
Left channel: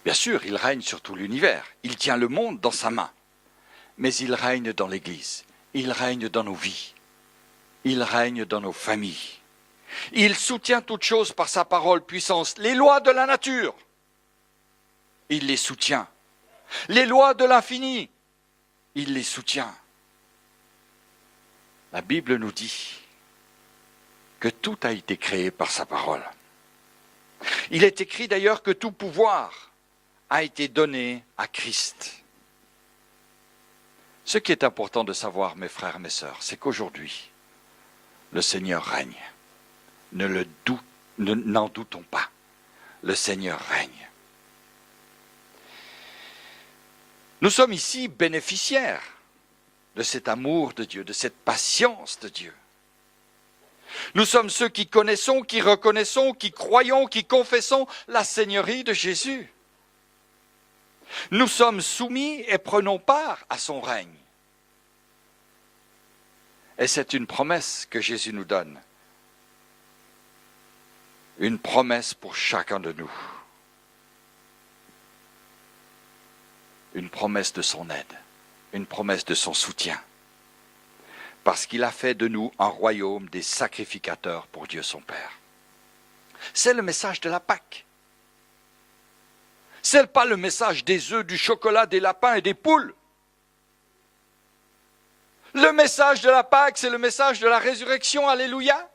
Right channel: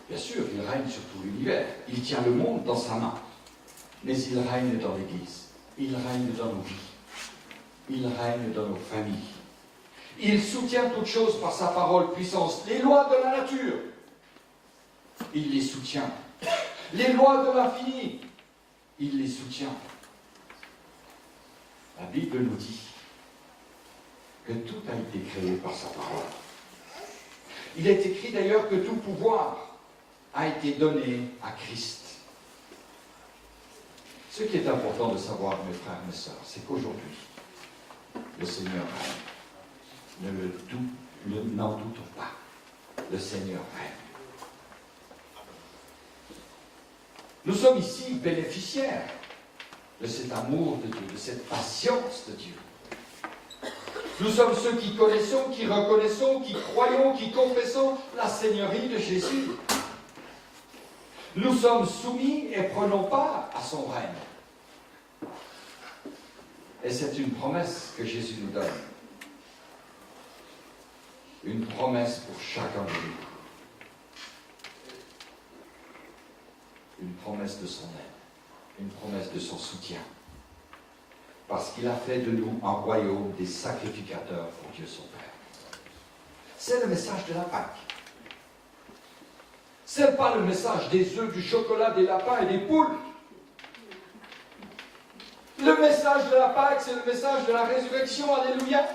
Bien sûr, il règne sur tout l'univers. Il tient le monde dans sa main. Mais il règne dans l'Église. Il règne dans nos vies. Il règne dans nos familles. Il soutient toutes choses par sa parole puissance. Les lois de la nature, il les soutient. Les lois de l'infini, il les soutient. La Bible nous dit que tout a été créé par sa parole. Il est écrit d'ailleurs que tout pouvoir a été donné à Christ. Ce qui est important de savoir, mes frères et mes sœurs, c'est qu'aujourd'hui, le Seigneur règne. N'en doutons pas. Le Seigneur règne. Nous sommes ici bénéficiaires de cet amour de Dieu, de cette patience de Dieu. Nous sommes ceux qui connaissons, qui reconnaissons, qui croyons, qui confessons la Seigneurie de Jésus. Nous sommes soumis et prenons part à son règne. Et c'est une promesse que Jésus nous donne. Une promesse pour chacun de nous. Une promesse de son aide. Une promesse de son soutien. Parce qu'il a fait de nous un royaume des sacrificateurs pour Dieu son Père. C'est le message de la Pâque. Ce n'est pas le message des œufs, du chocolat, des lapins et des poules. Le message de la Pâque, c'est le message de la résurrection, alléluia.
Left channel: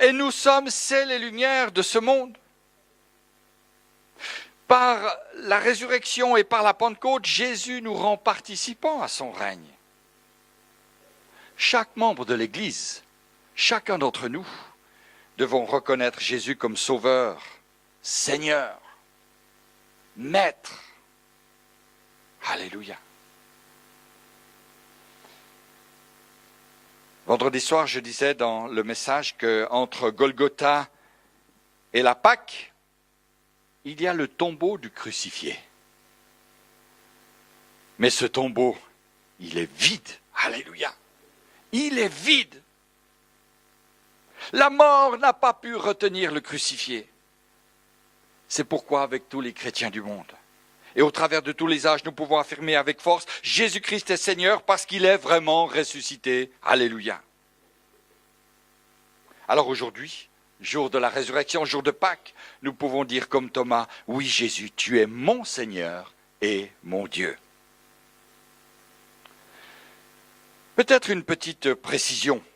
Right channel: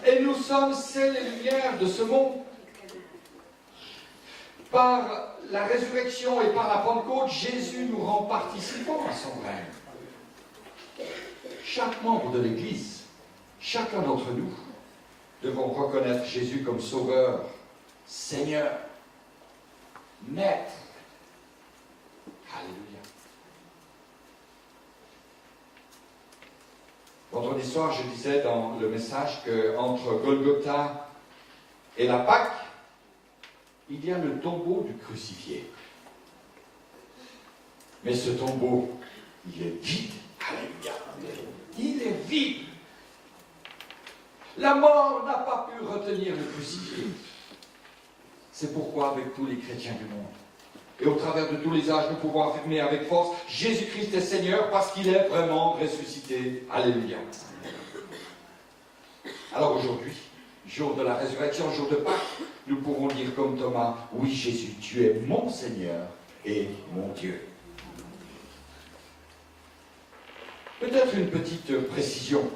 Et nous sommes sel et lumière de ce monde. Par la résurrection et par la Pentecôte, Jésus nous rend participants à son règne. Chaque membre de l'Église, chacun d'entre nous, devons reconnaître Jésus comme Sauveur, Seigneur, Maître. Alléluia. Vendredi soir, je disais dans le message qu'entre Golgotha et la Pâque, il y a le tombeau du crucifié. Mais ce tombeau, il est vide. Alléluia. Il est vide. La mort n'a pas pu retenir le crucifié. C'est pourquoi, avec tous les chrétiens du monde, et au travers de tous les âges, nous pouvons affirmer avec force, Jésus-Christ est Seigneur parce qu'il est vraiment ressuscité. Alléluia. Alors aujourd'hui, jour de la résurrection, jour de Pâques, nous pouvons dire comme Thomas, oui Jésus, tu es mon Seigneur et mon Dieu. Peut-être une petite précision.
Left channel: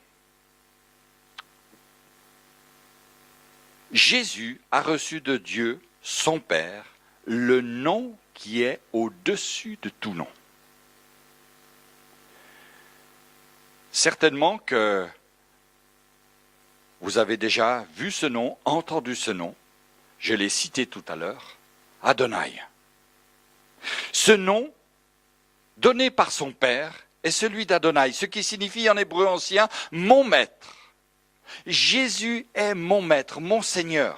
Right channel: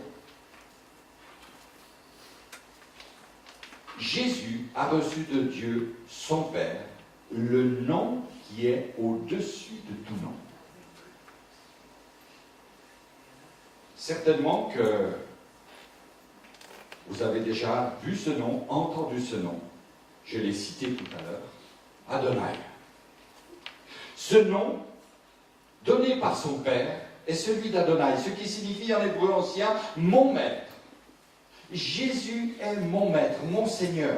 Jésus a reçu de Dieu, son Père, le nom qui est au-dessus de tout nom. Certainement que vous avez déjà vu ce nom, entendu ce nom. Je l'ai cité tout à l'heure, Adonai. Ce nom, donné par son Père, est celui d'Adonai, ce qui signifie en hébreu ancien « mon maître ». Jésus est mon maître, mon Seigneur.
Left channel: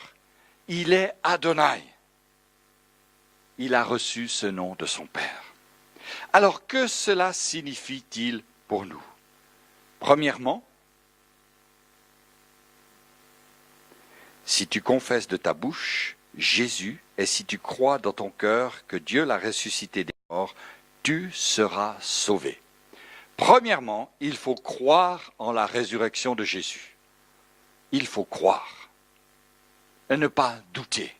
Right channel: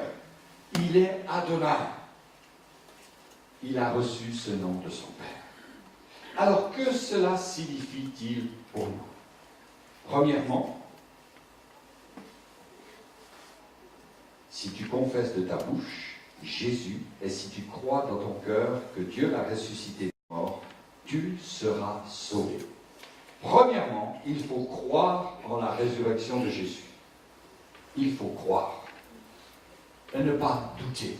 Il est Adonai. Il a reçu ce nom de son Père. Alors, que cela signifie-t-il pour nous? Premièrement, si tu confesses de ta bouche Jésus, et si tu crois dans ton cœur que Dieu l'a ressuscité des morts, tu seras sauvé. Premièrement, il faut croire en la résurrection de Jésus. Il faut croire et ne pas douter.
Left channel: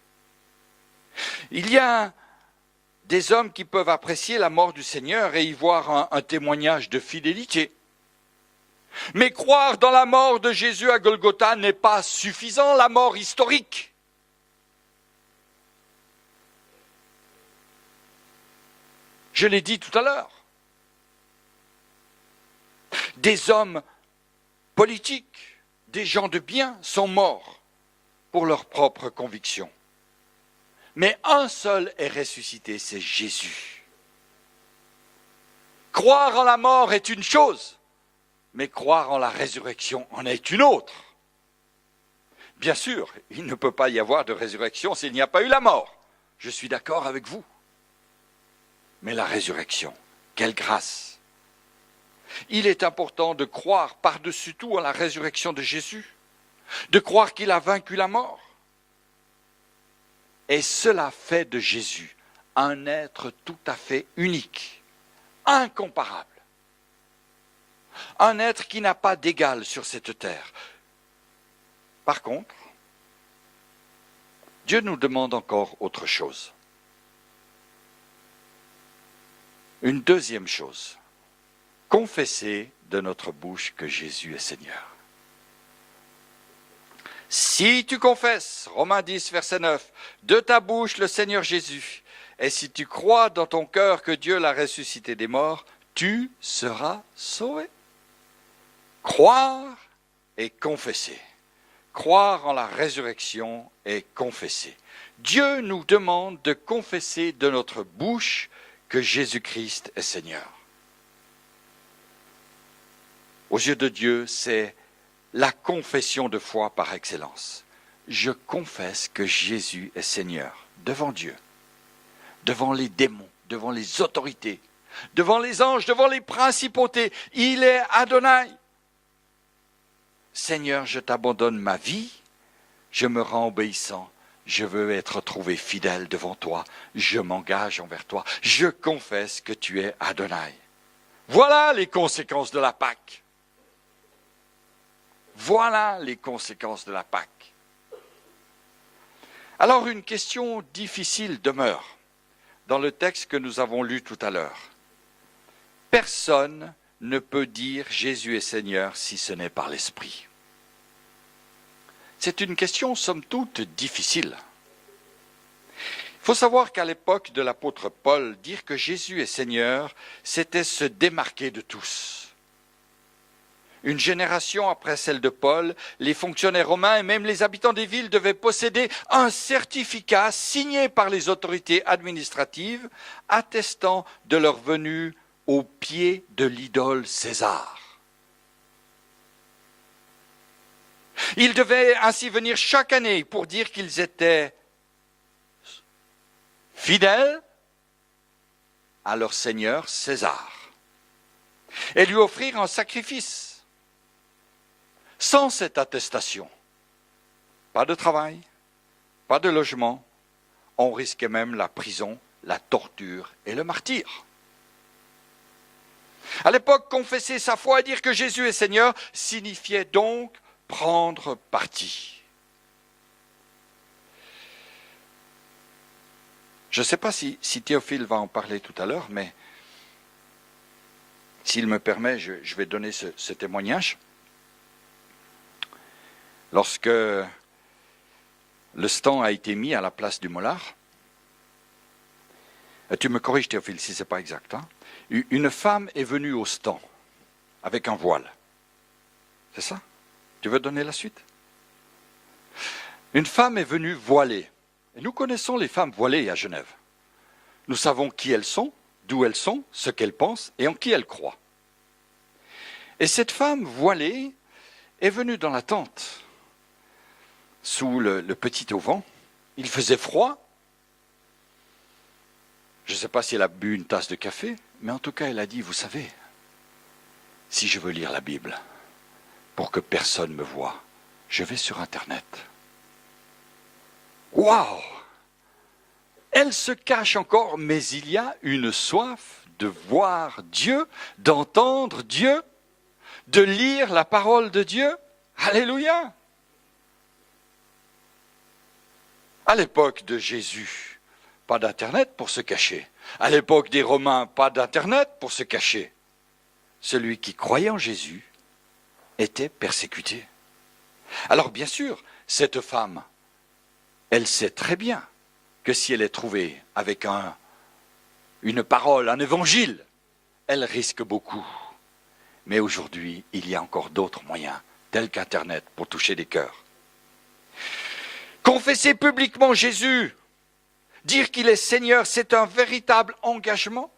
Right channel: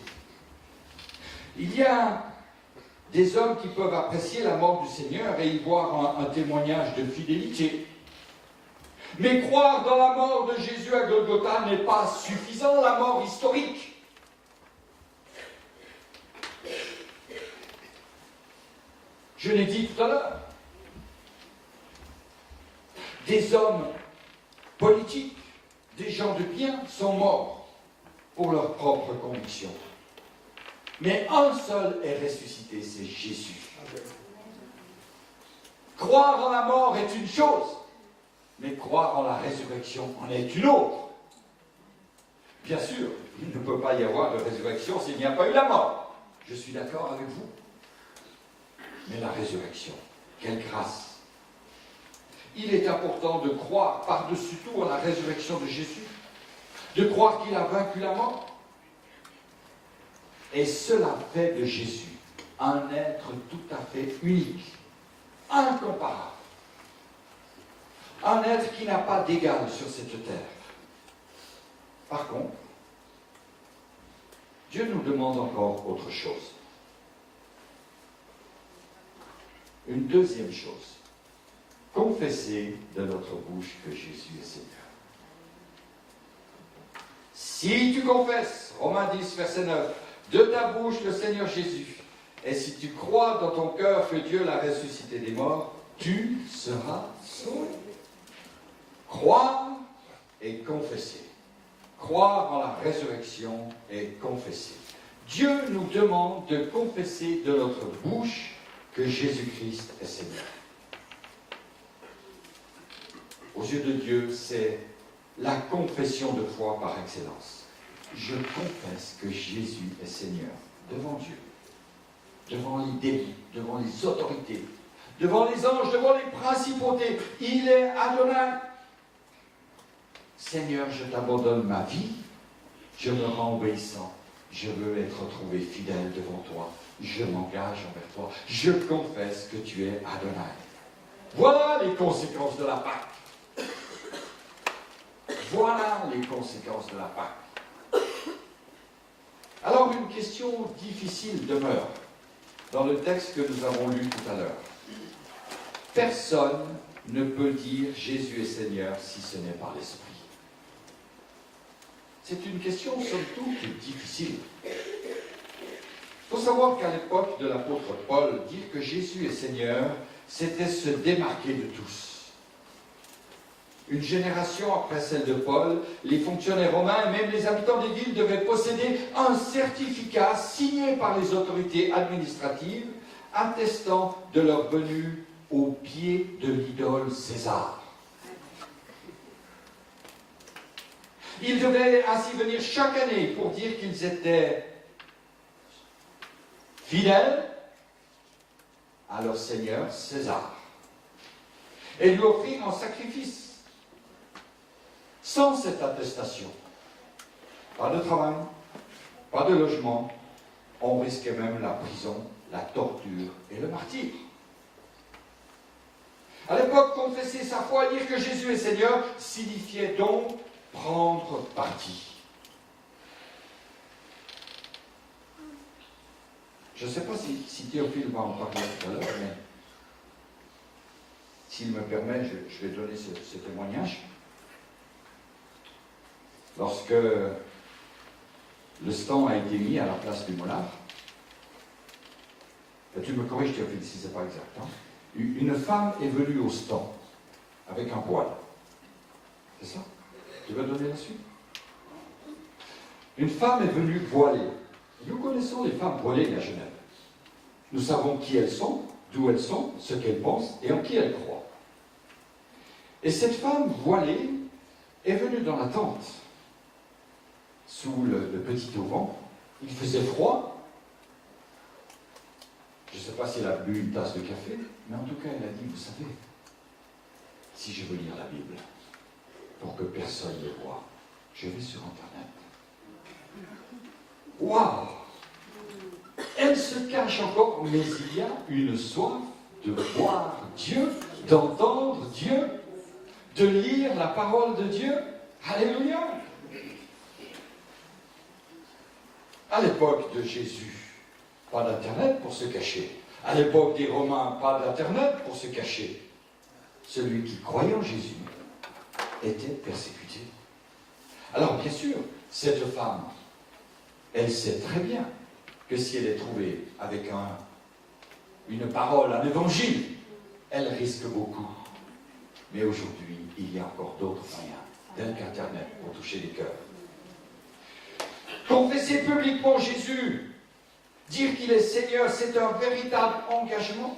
Il y a des hommes qui peuvent apprécier la mort du Seigneur et y voir un témoignage de fidélité. Mais croire dans la mort de Jésus à Golgotha n'est pas suffisant, la mort historique. Je l'ai dit tout à l'heure. Des hommes politiques, des gens de bien sont morts pour leurs propres convictions. Mais un seul est ressuscité, c'est Jésus. Croire en la mort est une chose, mais croire en la résurrection en est une autre. Bien sûr, il ne peut pas y avoir de résurrection s'il n'y a pas eu la mort. Je suis d'accord avec vous. Mais la résurrection, quelle grâce! Il est important de croire par-dessus tout à la résurrection de Jésus, de croire qu'il a vaincu la mort. Et cela fait de Jésus un être tout à fait unique, incomparable. Un être qui n'a pas d'égal sur cette terre. Par contre, Dieu nous demande encore autre chose. Une deuxième chose, confesser de notre bouche que Jésus est Seigneur. Si tu confesses, Romains 10, verset 9, de ta bouche le Seigneur Jésus, et si tu crois dans ton cœur que Dieu l'a ressuscité des morts, tu seras sauvé. Croire et confesser. Croire en la résurrection et confesser. Dieu nous demande de confesser de notre bouche que Jésus-Christ est Seigneur. Aux yeux de Dieu, c'est la confession de foi par excellence. Je confesse que Jésus est Seigneur devant Dieu, devant les démons, devant les autorités, devant les anges, devant les principautés. Il est Adonai. Seigneur, je t'abandonne ma vie, je me rends obéissant, je veux être trouvé fidèle devant toi, je m'engage envers toi, je confesse que tu es Adonai. Voilà les conséquences de la Pâque. Voilà les conséquences de la Pâque. Alors une question difficile demeure dans le texte que nous avons lu tout à l'heure. Personne ne peut dire Jésus est Seigneur si ce n'est par l'Esprit. C'est une question, somme toute, difficile. Il faut savoir qu'à l'époque de l'apôtre Paul, dire que Jésus est Seigneur, c'était se démarquer de tous. Une génération après celle de Paul, les fonctionnaires romains et même les habitants des villes devaient posséder un certificat signé par les autorités administratives attestant de leur venue au pied de l'idole César. Ils devaient ainsi venir chaque année pour dire qu'ils étaient fidèles à leur seigneur César et lui offrir un sacrifice. Sans cette attestation, pas de travail, pas de logement, on risquait même la prison, la torture et le martyre. À l'époque, confesser sa foi et dire que Jésus est Seigneur signifiait donc prendre parti. Je ne sais pas si Théophile va en parler tout à l'heure, mais s'il me permet, je vais donner ce témoignage. Lorsque le stand a été mis à la place du molar. Tu me corriges, Théophile, si ce n'est pas exact. Hein? Une femme est venue au stand avec un voile. C'est ça? Tu veux donner la suite? Une femme est venue voilée. Et nous connaissons les femmes voilées à Genève. Nous savons qui elles sont, d'où elles sont, ce qu'elles pensent et en qui elles croient. Et cette femme voilée est venue dans la tente, sous le petit auvent. Il faisait froid. Je ne sais pas si elle a bu une tasse de café, mais en tout cas, elle a dit, vous savez, si je veux lire la Bible, pour que personne me voie, je vais sur Internet. Waouh! Elle se cache encore, mais il y a une soif de voir Dieu, d'entendre Dieu, de lire la parole de Dieu. Alléluia! À l'époque de Jésus, pas d'Internet pour se cacher. À l'époque des Romains, pas d'Internet pour se cacher. Celui qui croyait en Jésus était persécuté. Alors bien sûr, cette femme, elle sait très bien que si elle est trouvée avec une parole, un évangile, elle risque beaucoup. Mais aujourd'hui, il y a encore d'autres moyens, tels qu'Internet, pour toucher des cœurs. Confesser publiquement Jésus, dire qu'il est Seigneur, c'est un véritable engagement.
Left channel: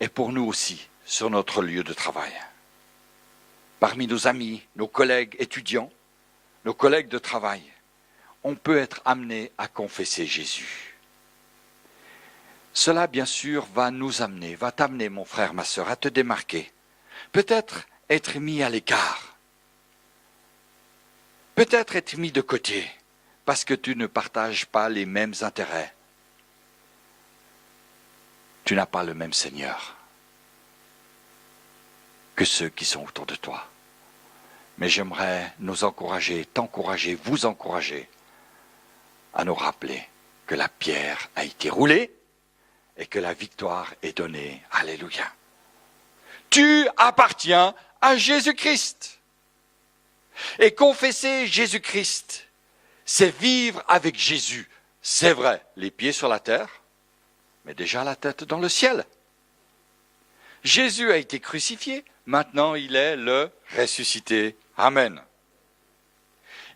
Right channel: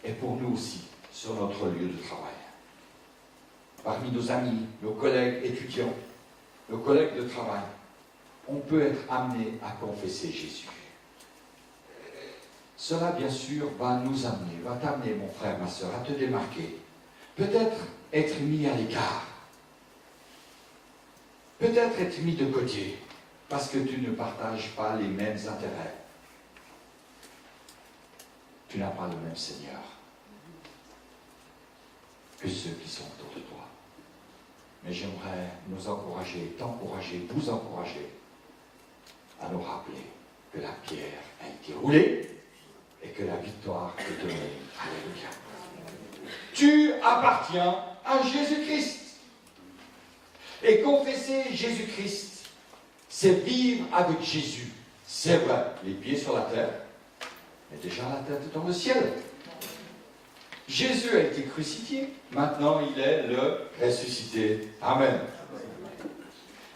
Et pour nous aussi, sur notre lieu de travail. Parmi nos amis, nos collègues étudiants, nos collègues de travail, on peut être amené à confesser Jésus. Cela, bien sûr, va t'amener, mon frère, ma sœur, à te démarquer. Peut-être être mis à l'écart. Peut-être être mis de côté, parce que tu ne partages pas les mêmes intérêts. Tu n'as pas le même Seigneur que ceux qui sont autour de toi. Mais j'aimerais nous encourager, t'encourager, vous encourager à nous rappeler que la pierre a été roulée et que la victoire est donnée. Alléluia. Tu appartiens à Jésus-Christ. Et confesser Jésus-Christ, c'est vivre avec Jésus. C'est vrai, les pieds sur la terre, mais déjà la tête dans le ciel. Jésus a été crucifié, maintenant il est le ressuscité. Amen.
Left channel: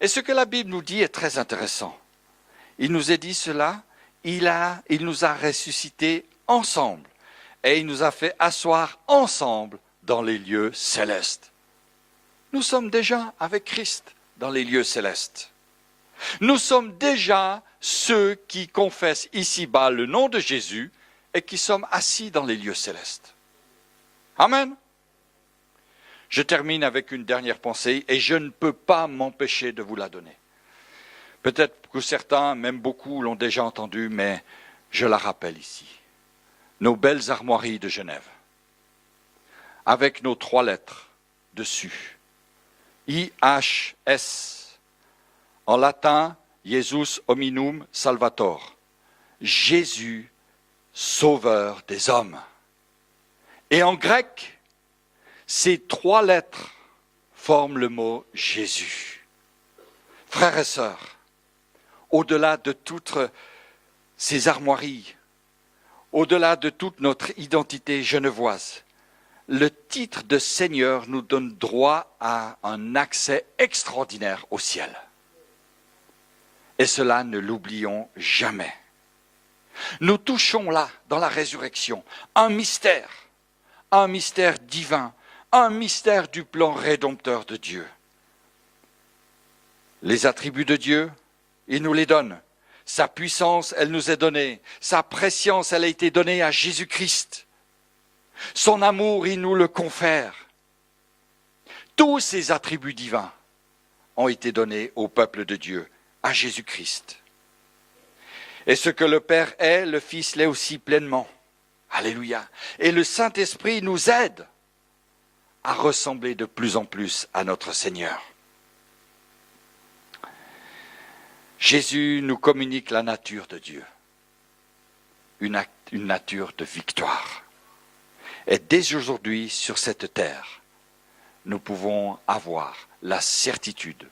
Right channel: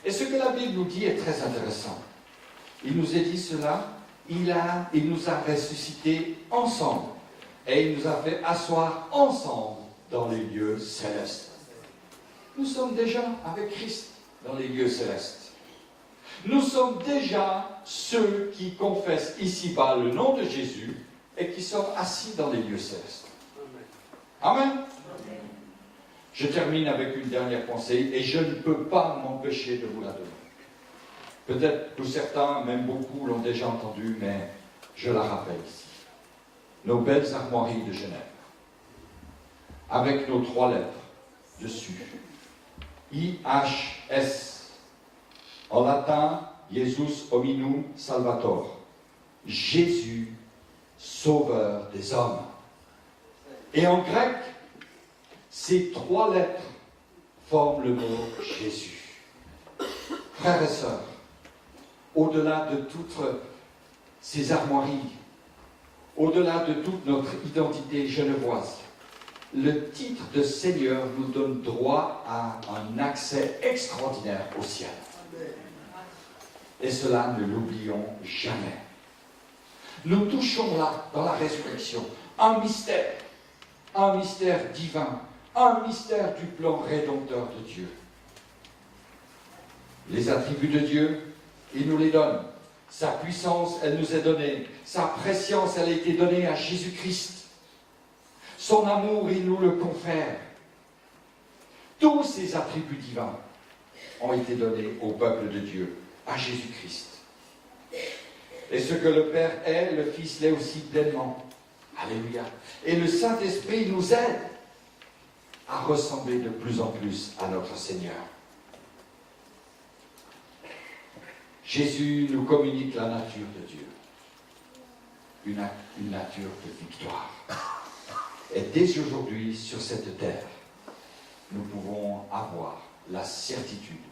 Et ce que la Bible nous dit est très intéressant. Il nous a dit cela, il nous a ressuscités ensemble et il nous a fait asseoir ensemble dans les lieux célestes. Nous sommes déjà avec Christ dans les lieux célestes. Nous sommes déjà ceux qui confessent ici-bas le nom de Jésus et qui sommes assis dans les lieux célestes. Amen. Je termine avec une dernière pensée et je ne peux pas m'empêcher de vous la donner. Peut-être que certains, même beaucoup, l'ont déjà entendue, mais je la rappelle ici. Nos belles armoiries de Genève, avec nos 3 lettres dessus. IHS, en latin, Jesus hominum salvator. Jésus, sauveur des hommes. Et en grec, ces 3 lettres forment le mot Jésus. Frères et sœurs, au-delà de toutes ces armoiries, au-delà de toute notre identité genevoise, le titre de Seigneur nous donne droit à un accès extraordinaire au ciel. Et cela, ne l'oublions jamais. Nous touchons là, dans la résurrection, un mystère divin, un mystère du plan rédempteur de Dieu. Les attributs de Dieu, il nous les donne. Sa puissance, elle nous est donnée. Sa préscience, elle a été donnée à Jésus-Christ. Son amour, il nous le confère. Tous ces attributs divins ont été donnés au peuple de Dieu, à Jésus-Christ. Et ce que le Père est, le Fils l'est aussi pleinement. Alléluia. Et le Saint-Esprit nous aide à ressembler de plus en plus à notre Seigneur. Jésus nous communique la nature de Dieu, une nature de victoire. Et dès aujourd'hui, sur cette terre, nous pouvons avoir la certitude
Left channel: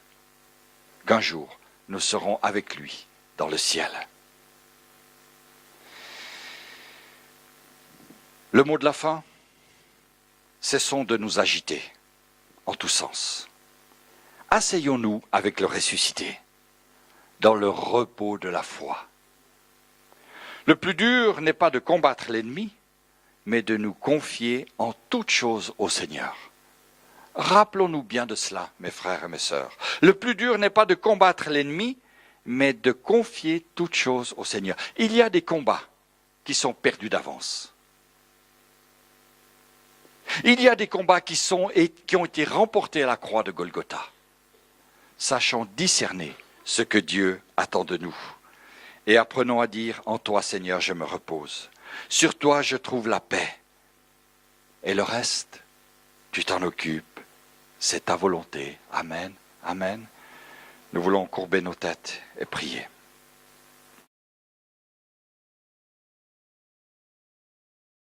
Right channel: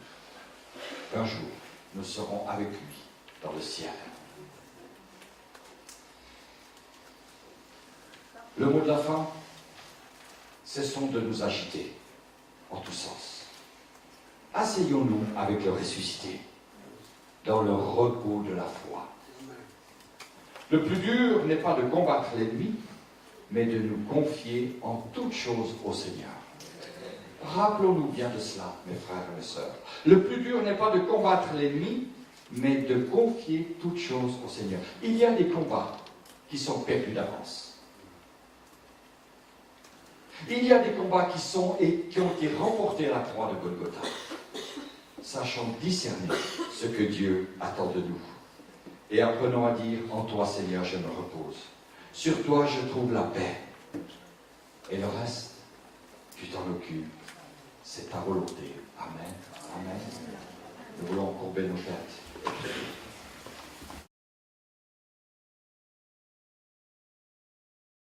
qu'un jour, nous serons avec lui dans le ciel. Le mot de la fin, cessons de nous agiter en tous sens. Asseyons-nous avec le ressuscité dans le repos de la foi. Le plus dur n'est pas de combattre l'ennemi, mais de nous confier en toutes choses au Seigneur. Rappelons-nous bien de cela, mes frères et mes sœurs. Le plus dur n'est pas de combattre l'ennemi, mais de confier toutes choses au Seigneur. Il y a des combats qui sont perdus d'avance. Il y a des combats qui ont été remportés à la croix de Golgotha. Sachons discerner ce que Dieu attend de nous. Et apprenons à dire, en toi Seigneur, je me repose. Sur toi, je trouve la paix. Et le reste, tu t'en occupes. C'est ta volonté. Amen. Amen. Nous voulons courber nos têtes et prier.